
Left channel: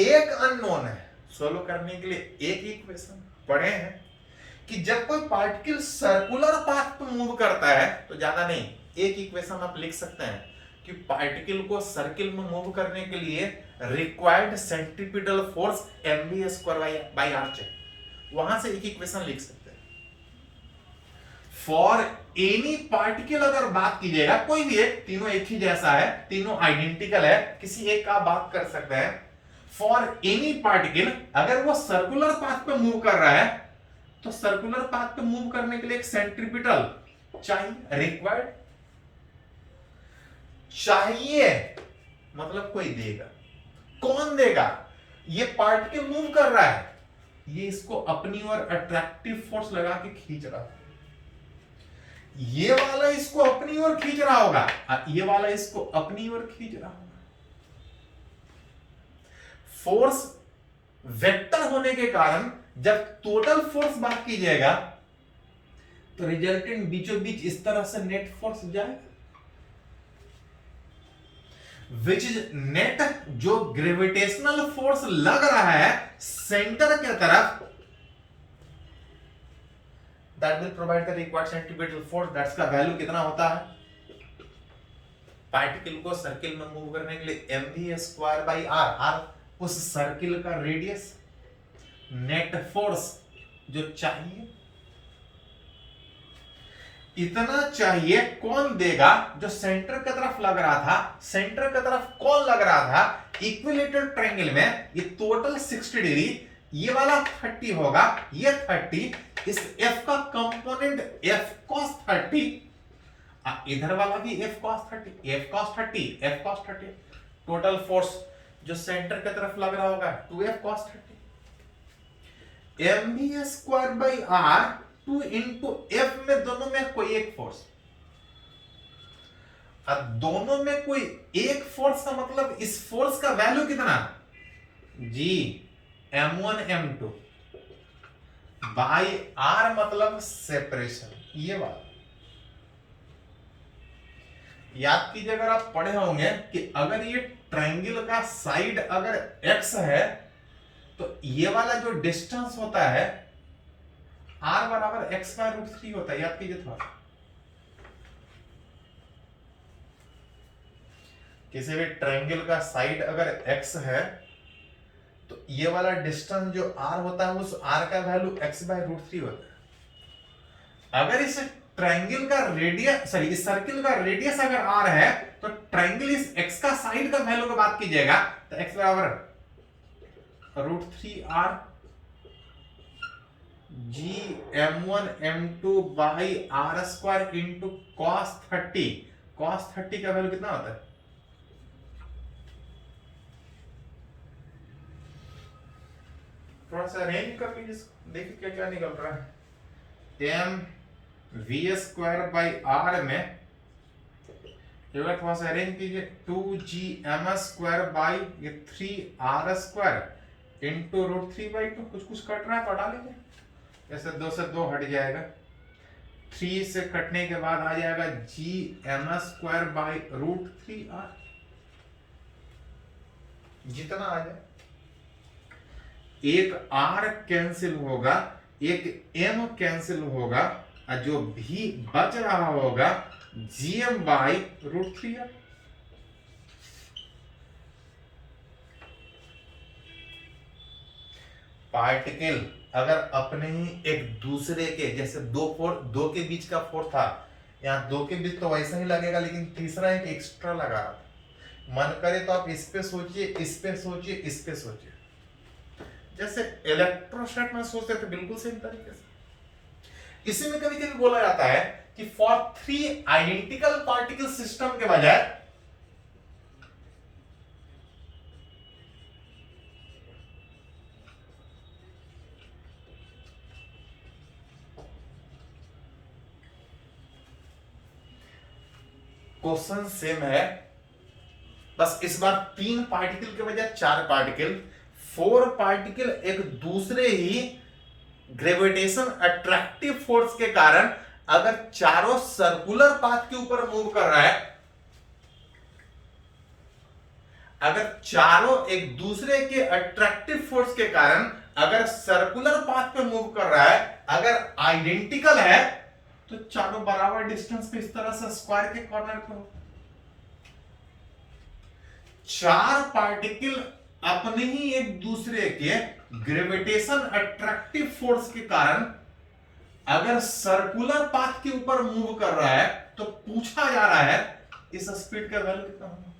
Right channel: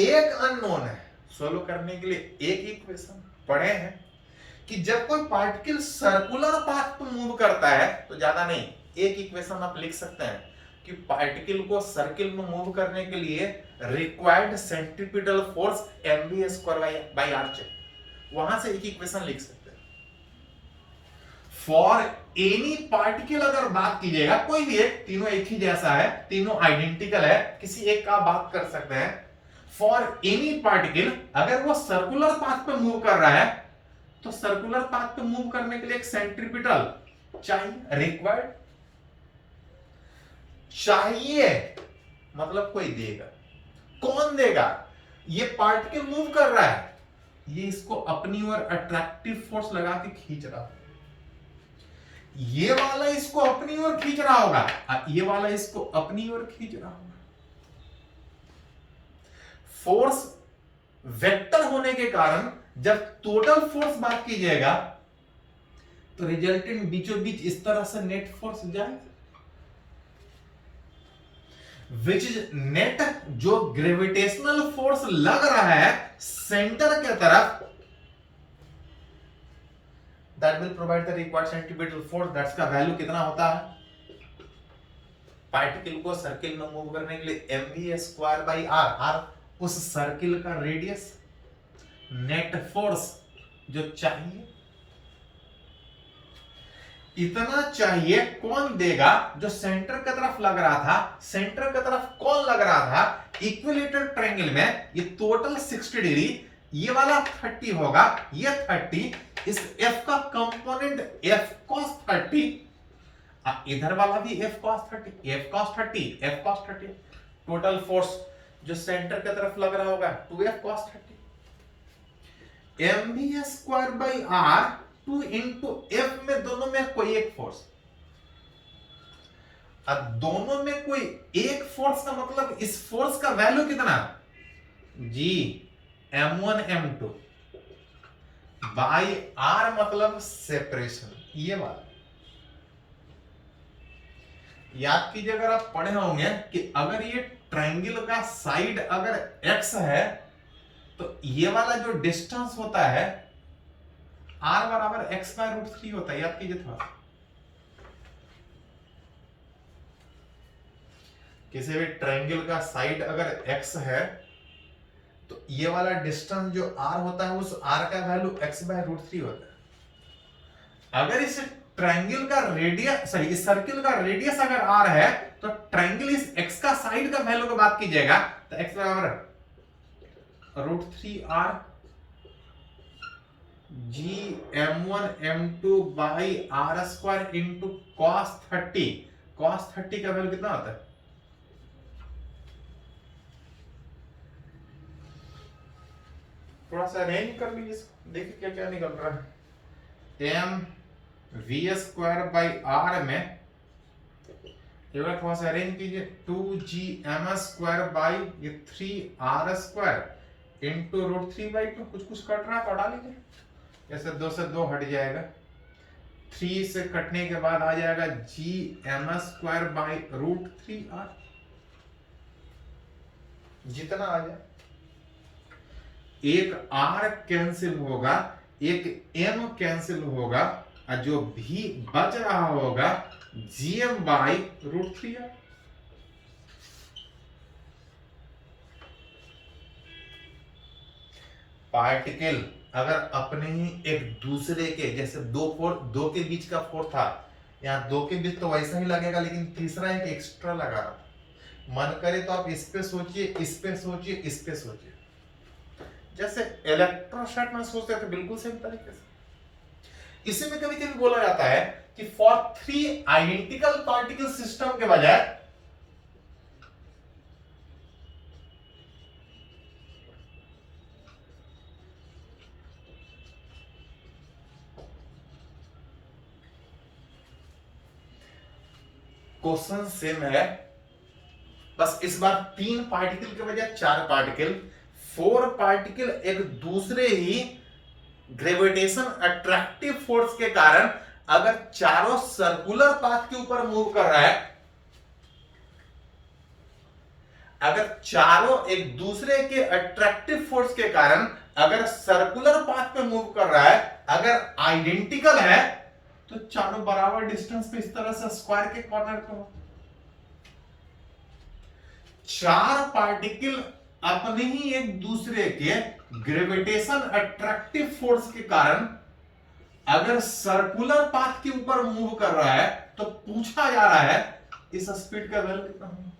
एक अननोन है, सोल्व करने के लिए एक इक्वेशन पढ़े हैं कि जब कोई पार्टिकल सर्कुलर पाथ पर मूव करता है तो ज्यादा नहीं, एक इक्वेशन आप लिख सकते हैं कि पार्टिकल को सर्किल में मूव करने के लिए required centripetal force mv² by r चाहिए, वहां से एक इक्वेशन लिख सकते हैं। फॉर एनी पार्टिकल अगर बात कीजिएगा, कोई भी एक, तीनों एक ही जैसा है, तीनों आइडेंटिकल है, किसी एक का बात कर सकते हैं। फॉर एनी पार्टिकल अगर वो सर्कुलर पाथ पे मूव कर रहा है तो सर्कुलर पाथ पे मूव करने के लिए एक सेंट्रीपिटल चाहिए, रिक्वायर्ड चाहिए, मतलब कोई देगा। कौन देगा? ये पार्टिकल मूव कर रहा है, ये इसको अपनी ओर अट्रैक्टिव फोर्स लगा के खींच रहा है, ये वाला इसको अपनी ओर खींच रहा होगा, ये वाला इसको अपनी ओर खींच रहा होगा। फोर्स वेक्टर होने के कारण जब टोटल फोर्स बात कीजिएगा तो रिजल्टेंट बीचों बीच इस तरह से नेट फोर्स जाएगा, विच इज नेट, जो ग्रेविटेशनल फोर्स लग रहा है सेंटर के तरफ, that will provide the required centripetal force, that's का वैल्यू कितना होता है? पार्टिकल को सर्किल में मूव करने के लिए mv² by r, r उस सर्किल का रेडियस, नेट फोर्स जो चाहिए, इतना चाहिए। कौन देगा? जो सेंटर की तरफ लग रहा था, सेंटर की तरफ कौन लग रहा था? इक्विलेटरल ट्रायंगल में ये टोटल 60 डिग्री, ये वाला 30 होगा, ये 30, इस f का कंपोनेंट f cos 30, इधर वाला भी f cos 30, f cos 30, f cos 30, total force जो सेंटर की तरफ लग रहा होगा 2f cos 30, mv² by r 2 into f में दोनों में कोई एक फोर्स, अब दोनों में कोई एक फोर्स का मतलब इस फोर्स का वैल्यू कितना? g m1 m2 by r मतलब सेपरेशन, ये वाला याद कीजिए। अगर आप पढ़े होंगे कि अगर ये ट्रायंगल का साइड अगर x है तो ये वाला जो डिस्टेंस होता है r बराबर x/√3 होता है, याद कीजिए थोड़ा। किसी भी ट्रायंगल का साइड अगर x है तो ये वाला डिस्टेंस जो r होता है उस r का वैल्यू x/√3 होता है। अगर इस ट्रायंगल का रेडियस, सॉरी इस सर्किल का रेडियस अगर r है तो ट्रायंगल इस x का साइड का वैल्यू की बात कीजिएगा तो x बराबर √3r g m1 m2 by r² into cos 30, cos 30 का वैल्यू कितना होता है? थोड़ा सा अरेंज कर लीजिए इसको, देखिए क्या क्या निकल रहा है। m v² by r में एक बार थोड़ा सा अरेंज कीजिए, 2gm² by ये 3r² into √3/2, कुछ कट रहा है तो हटा लीजिए, जैसे 2 से 2 हट जाएगा, 3 से कटने के बाद आ जाएगा gm² by √3r, जितना आ जाए। एक r कैंसिल होगा, एक m कैंसिल होगा, और जो भी बच रहा होगा gm by √3r। पार्टिकल अगर अपने ही एक दूसरे के जैसे दो के बीच का फोर्स था, यहाँ दो के बीच तो वैसा ही लगेगा, लेकिन तीसरा एक एक्स्ट्रा लगा रहा था। मन करे तो आप इस पे सोचिए, इस पे सोचिए, इस पे सोचिए, जैसे इलेक्ट्रोस्टैट में सोचते थे, बिल्कुल सेम तरीके से। इसी में कभी कभी बोला जाता है कि फॉर 3 आइडेंटिकल पार्टिकल सिस्टम के बजाय क्वेश्चन सेम है, बस इस बार 3 पार्टिकल के बजाय 4 पार्टिकल, 4 पार्टिकल एक दूसरे ही ग्रेविटेशन अट्रैक्टिव फोर्स के कारण अगर चारों सर्कुलर पाथ के ऊपर मूव कर रहा है, अगर चारों एक दूसरे के अट्रैक्टिव फोर्स के कारण अगर सर्कुलर पाथ पे मूव कर रहा है, अगर आइडेंटिकल है, तो चारों बराबर डिस्टेंस पे इस तरह से स्क्वायर के कॉर्नर पे हो। 4 पार्टिकल अपने ही एक दूसरे के ग्रेविटेशन अट्रैक्टिव फोर्स के कारण अगर सर्कुलर पाथ के ऊपर मूव कर रहा है, तो पूछा जा रहा है इस स्पीड का वैल्यू कितना होगा।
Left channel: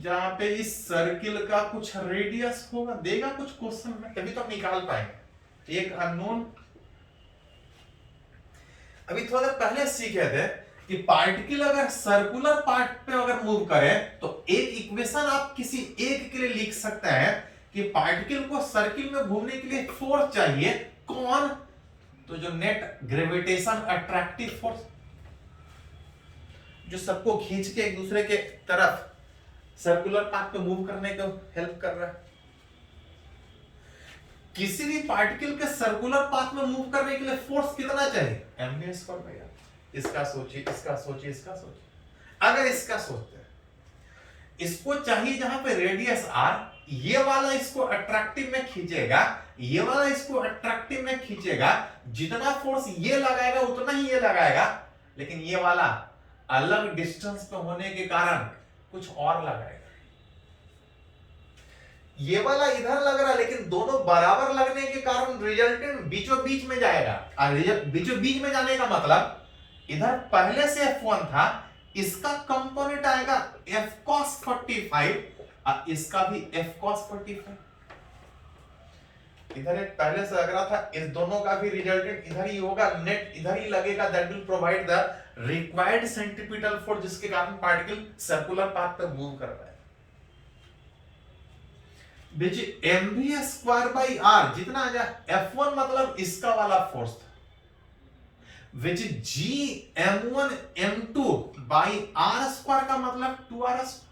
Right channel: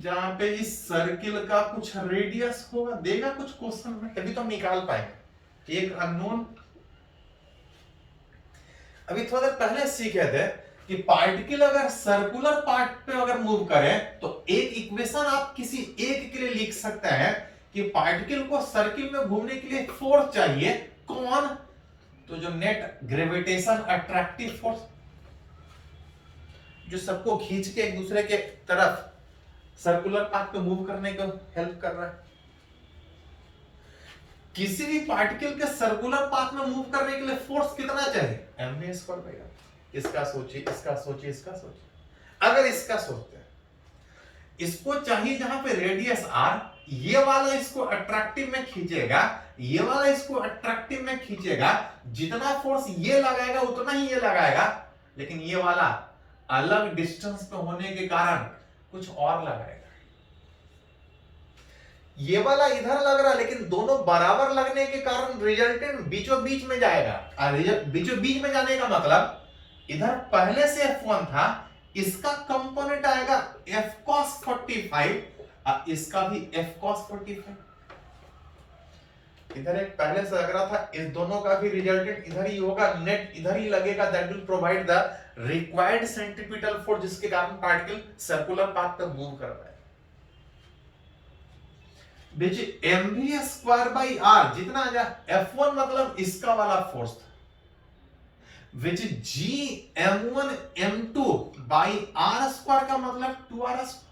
जहां पे इस सर्किल का कुछ रेडियस होगा, देगा कुछ क्वेश्चन में, तभी तो हम निकाल पाएंगे। एक अननोन, अभी थोड़ा देर पहले सीखे थे कि पार्टिकल अगर सर्कुलर पार्ट पे अगर मूव करे तो एक इक्वेशन आप किसी एक के लिए लिख सकते हैं कि पार्टिकल को सर्किल में घूमने के लिए फोर्स चाहिए, कौन? तो जो नेट ग्रेविटेशन अट्रैक्टिव फोर्स, जो सबको खींच के एक दूसरे के तरफ सर्कुलर पाथ पे मूव करने को हेल्प कर रहा है। किसी भी पार्टिकल के सर्कुलर पाथ में मूव करने के लिए फोर्स कितना चाहिए? mv square by R. इसका सोचिए, इसका सोचिए, इसका सोचिए। अगर इसका सोचते हैं, इसको चाहिए जहां पे रेडियस r, ये वाला इसको अट्रैक्टिव में खींचेगा, ये वाला इसको अट्रैक्टिव में खींचेगा, जितना फोर्स ये लगाएगा उतना ही ये लगाएगा, लेकिन ये वाला अलग डिस्टेंस पे होने के कारण कुछ और लगाएगा। ये वाला इधर लग रहा है, लेकिन दोनों बराबर लगने के कारण रिजल्टेंट बीचों बीच में जाएगा। बीचों बीच में जाने का मतलब इधर पहले से F1 था, इसका कंपोनेंट आएगा F cos 45 और इसका भी F cos 45। इधर एक पहले से लग रहा था, इस दोनों का भी रिजल्टेंट इधर ही होगा, नेट इधर ही लगेगा। That will provide the required centripetal force, जिसके कारण पार्टिकल सर्कुलर पाथ पर मूव कर रहा है। which mv square by R, जितना आ जाए F1 मतलब इसका वाला फोर्स था, which g m1 m2 by R square का मतलब 2r स्क्वायर।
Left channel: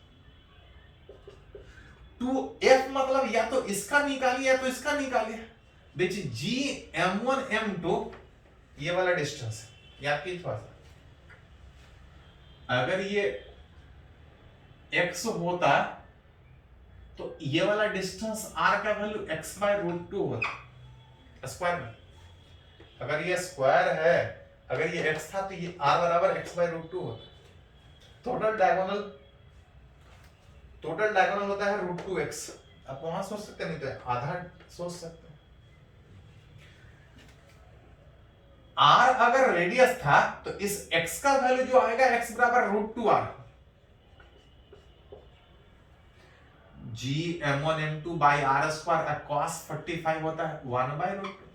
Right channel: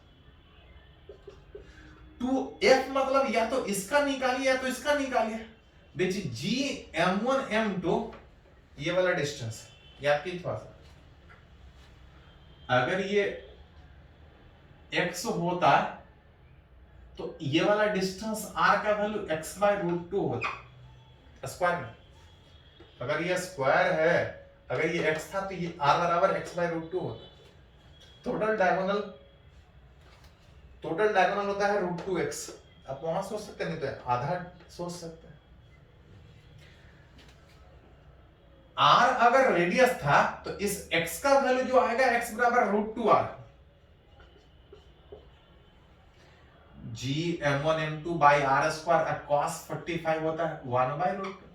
2f मतलब या तो इसका निकालिए या तो इसका निकालिए, which g m1 m2 ये वाला डिस्टेंस है। याद कीजिए थोड़ा सा, अगर ये x होता तो ये वाला डिस्टेंस r का वैल्यू x बाय रूट 2 होता स्क्वायर में। अगर ये स्क्वायर है, अगर ये x था तो ये r बराबर x बाय रूट 2 होता। टोटल डायगोनल होता है रूट 2x। आप वहां सोच सकते नहीं तो आधा सोच सकते हैं। r अगर रेडियस था तो इस x का वैल्यू जो आएगा x बराबर root 2r। g m1 m2 by R square cos 45 होता है 1 बाई रूट 2।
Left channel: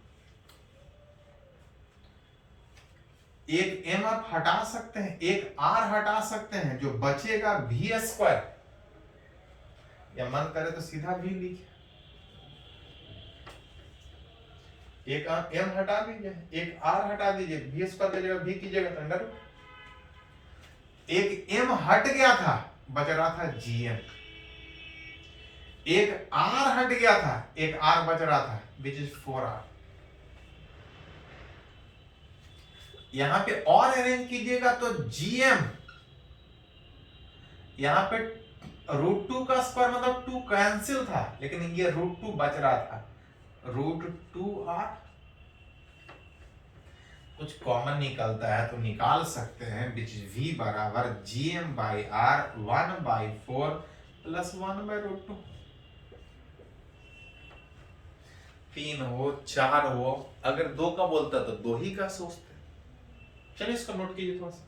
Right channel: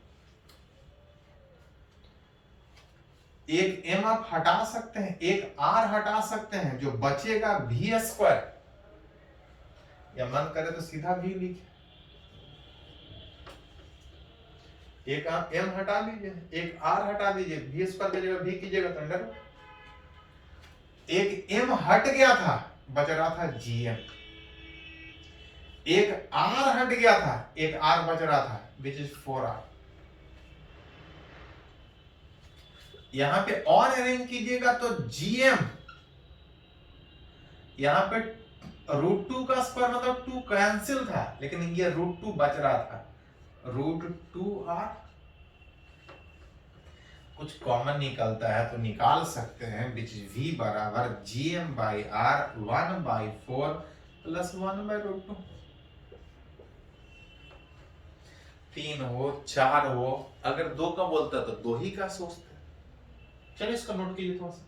एक m आप हटा सकते हैं, एक r हटा सकते हैं, जो बचेगा v स्क्वायर, या मन करे तो सीधा v लिखिए। एक आप m हटा दीजिए, एक r हटा दीजिए, v स्क्वायर की जगह v कीजिएगा तो अंडर। एक m हट गया था, बच रहा था gm। एक r हट गया था, एक r बच रहा था, which is 4r। यहां पे और अरेंज कीजिएगा तो gm, यहां पे रूट 2 का स्क्वायर मतलब 2 कैंसिल था, लेकिन ये रूट 2 बच रहा था, रूट 2r। कुछ कॉमन निकलता है तो निकाल सकते हैं, which is v बराबर gm by r 1 by 4 plus 1 by root 2। 3 हो, 4 हो, अगर 2 का बोलता तो 2 ही का सोचते। चलिए इसको नोट कीजिए थोड़ा सा।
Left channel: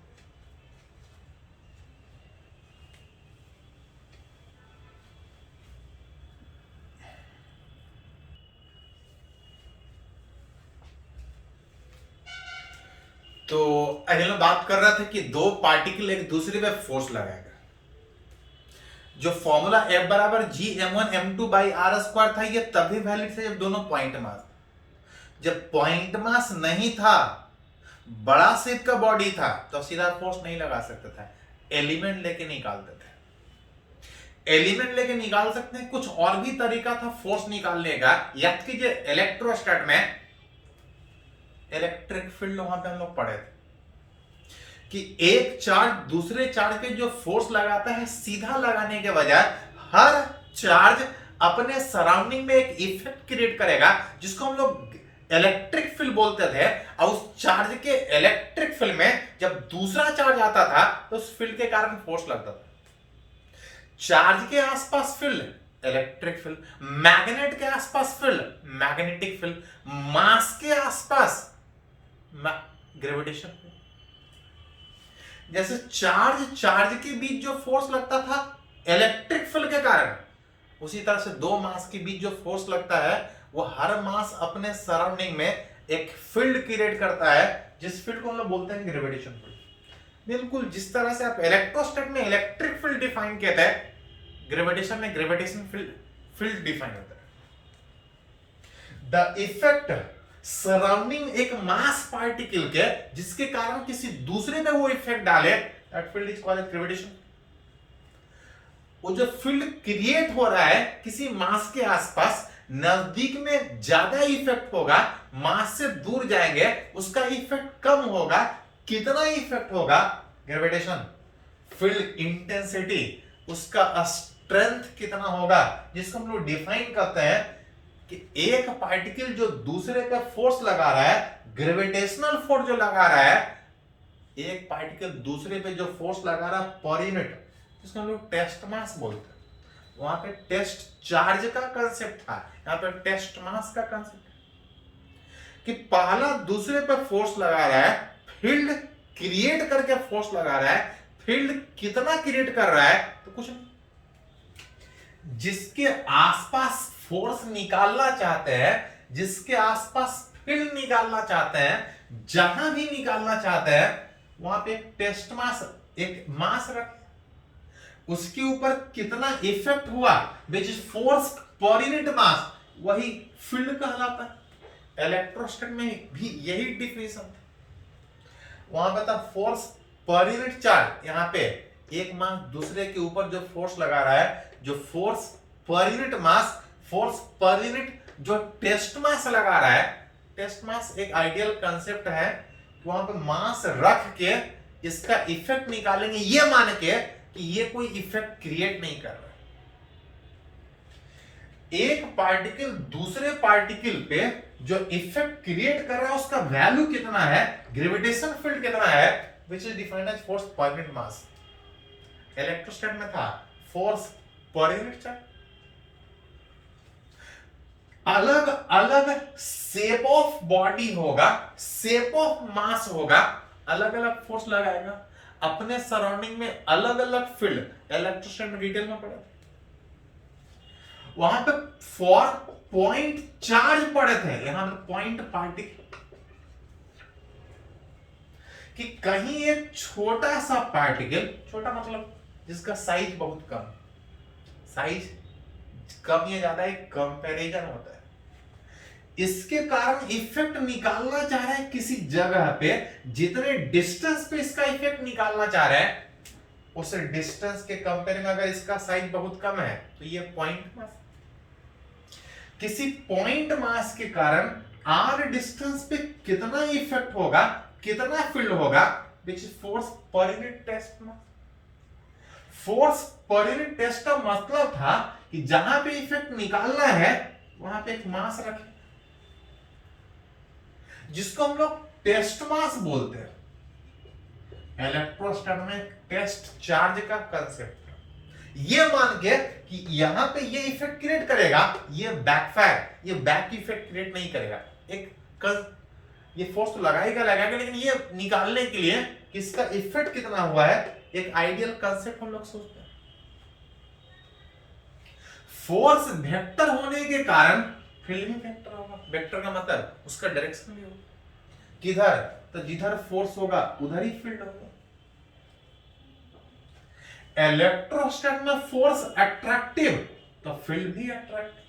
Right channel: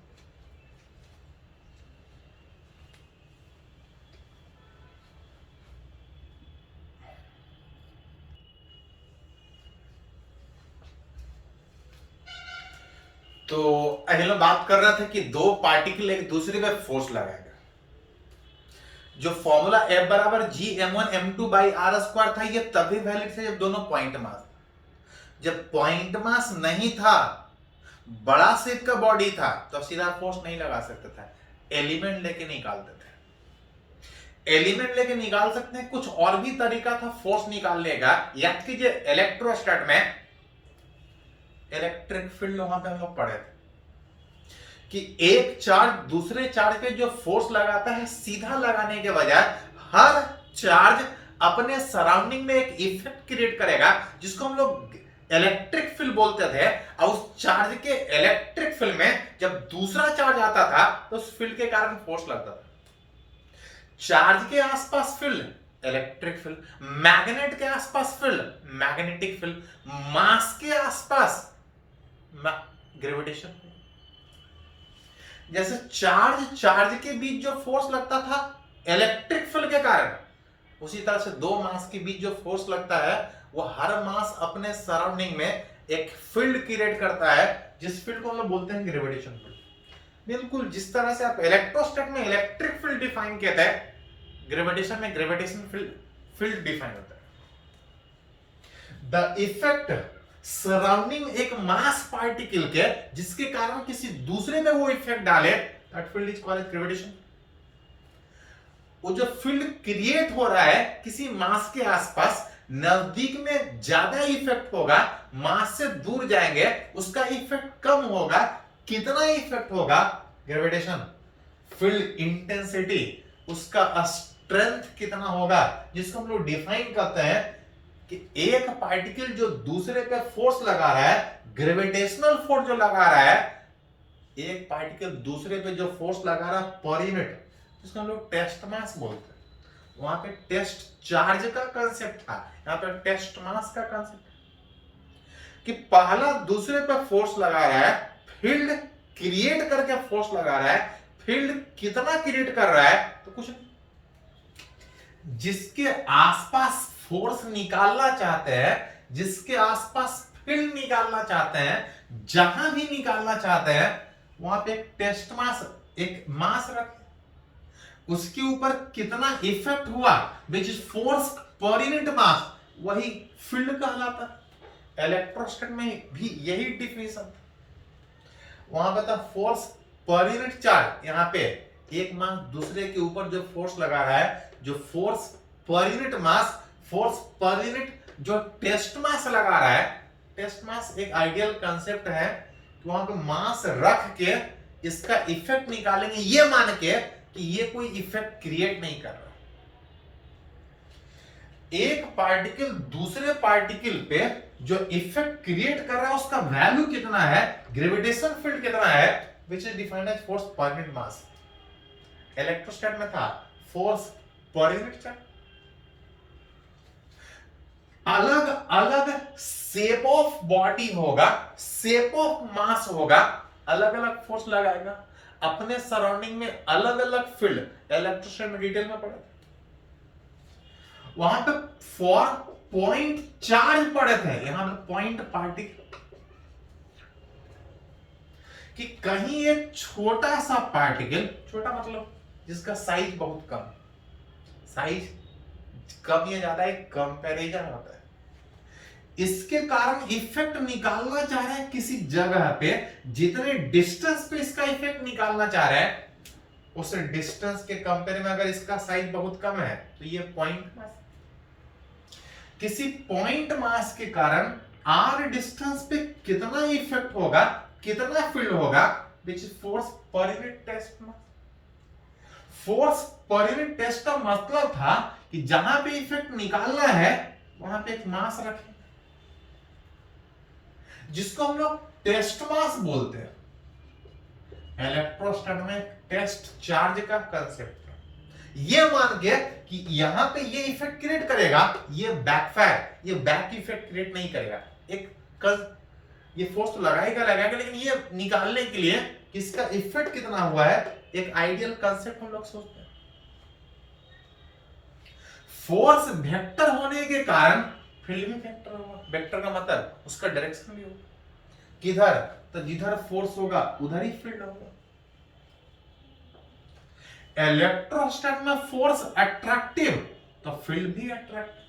तो अगले में बात कर रहे थे कि दो पार्टिकल एक दूसरे पे फोर्स लगाएगा। जो फॉर्मूला F बराबर G m1m2/r² था, ये तभी वैलिड था जब दोनों पॉइंट मास था। जब पॉइंट मास नहीं था, बड़ा शेप का बॉडी था, तो सीधा फोर्स नहीं लगा सकते थे, एलिमेंट लेके निकालते थे। एलिमेंट लेके निकाल सकते हैं, कुछ और भी तरीका था फोर्स निकालने का। याद कीजिए इलेक्ट्रोस्टैट में इलेक्ट्रिक फील्ड वहां पे हम लोग पढ़े थे कि एक चार्ज दूसरे चार्ज पे जो फोर्स लगाता है, सीधा लगाने के बजाय हर चार्ज अपने सराउंडिंग में एक इफेक्ट क्रिएट करेगा, जिसको हम लोग इलेक्ट्रिक फील्ड बोलते थे। और उस चार्ज के इलेक्ट्रिक फील्ड में जब दूसरा चार्ज आता था, तो उस फील्ड के कारण फोर्स लगता था। चार्ज के आसपास फील्ड इलेक्ट्रिक फील्ड, मैग्नेट के आसपास फील्ड मैग्नेटिक फील्ड, मास के आसपास ग्रेविटेशन फील्ड। जैसे चार्ज के बीच जो फोर्स लगता था इलेक्ट्रिक फील्ड के कारण, उसी तरह से दो मास के बीच जो फोर्स लगता है, वो हर मास अपने सराउंडिंग में एक फील्ड क्रिएट करता है, जिस फील्ड को हम लोग बोलते हैं ग्रेविटेशन फील्ड। बिल्कुल जिस तरह से आप इलेक्ट्रोस्टैट में इलेक्ट्रिक फील्ड डिफाइन किया था, ग्रेविटेशन में ग्रेविटेशन फील्ड डिफाइन होता है। द इफेक्ट सराउंडिंग एक मास पार्टिकल के, जिसके कारण किसी दूसरे में वो इफेक्ट डाले, that field is called gravitation. वो जो फील्ड क्रिएट हो रहा है किसी मास के आसपास, नजदीक में ज्यादा इफेक्ट होगा, मास से दूर जाएंगे उसका इफेक्ट कम होगा। कितना इफेक्ट होगा? ग्रेविटेशन। फील्ड इंटेंसिटी, उसका स्ट्रेंथ कितना होगा, जिसको हम लोग डिफाइन करते हैं कि एक पार्टिकल जो दूसरे पे फोर्स लगा रहा है, ग्रेविटेशनल फोर्स जो लगा रहा है, एक पार्टिकल दूसरे पे जो फोर्स लगा रहा है पर यूनिट, जिसको हम लोग टेस्ट मास बोलते हैं। वहां पे टेस्ट चार्ज का कंसेप्ट था, यहां पे टेस्ट मास का कंसेप्ट है कि पहला दूसरे पे फोर्स लगा रहा है, फील्ड क्रिएट करके फोर्स लगा रहा है। फील्ड कितना क्रिएट कर रहा है? तो कुछ नहीं, जिसके आसपास फोर्स निकालना चाहते हैं, जिसके आसपास फील्ड निकालना चाहते हैं, जहां भी निकालना चाहते हैं, वहां पे टेस्ट मास, एक मास रखें, उसके ऊपर कितना इफेक्ट हुआ, विच इज फोर्स पर यूनिट मास, वही फील्ड कहलाता है। इलेक्ट्रोस्टैट में भी यही डिफिनेशन, वहां पर था फोर्स पर यूनिट चार्ज, यहां पे एक मास दूसरे के ऊपर जो फोर्स लगा रहा है, जो फोर्स पर यूनिट मास, फोर्स पर यूनिट जो टेस्ट मास लगा रहा है। टेस्ट मास एक आइडियल कंसेप्ट है कि वहां पे मास रख के इसका इफेक्ट निकालेंगे, ये मान के कि ये कोई इफेक्ट क्रिएट नहीं कर रहा। एक पार्टिकल दूसरे पार्टिकल पे जो इफेक्ट क्रिएट कर रहा है, उसका वैल्यू कितना है, ग्रेविटेशन फील्ड कितना है, which is defined as force per unit mass. Electrostatic में था फोर्स पर यूनिट चार्ज। अलग अलग शेप ऑफ बॉडी होगा, शेप ऑफ मास होगा, अलग अलग फोर्स लगाएगा अपने सराउंडिंग में, अलग अलग फील्ड। इलेक्ट्रोस्टैट में डिटेल में पढ़ा था, वहां पे फॉर पॉइंट चार्ज पढ़े थे, यहां पे पॉइंट पार्टिकल, कि कहीं एक छोटा सा पार्टिकल, छोटा मतलब जिसका साइज बहुत कम, साइज कम या ज्यादा एक कंपैरिजन होता है, इसके कारण इफेक्ट निकालना चाह रहे हैं किसी जगह पे, जितने डिस्टेंस पे इसका इफेक्ट निकालना चाह रहे हैं, उस डिस्टेंस के कंपेयर में अगर इसका साइज बहुत कम है, तो ये पॉइंट मास। किसी पॉइंट मास के कारण आर डिस्टेंस पे कितना इफेक्ट होगा, कितना फील्ड होगा, which is force per unit test mass. Force per unit test का मतलब था कि जहां पे इफेक्ट निकालना है, वहां पे एक मास रखें, जिसको हम लोग टेस्ट मास बोलते हैं। इलेक्ट्रोस्टैट में टेस्ट चार्ज का कंसेप्ट है। ये मान के कि यहां पे ये इफेक्ट क्रिएट करेगा, ये बैकफायर, ये बैक इफेक्ट क्रिएट नहीं करेगा। एक कज ये फोर्स तो लगाएगा, लेकिन ये निकालने के लिए कि इसका इफेक्ट कितना हुआ है, एक आइडियल कंसेप्ट हम लोग सोचते हैं। फोर्स वेक्टर होने के कारण फील्ड भी वेक्टर होगा। वेक्टर का मतलब उसका डायरेक्शन भी होगा। किधर? तो जिधर फोर्स होगा उधर ही फील्ड होगा। इलेक्ट्रोस्टैट में फोर्स अट्रैक्टिव, तो फील्ड भी अट्रैक्टिव।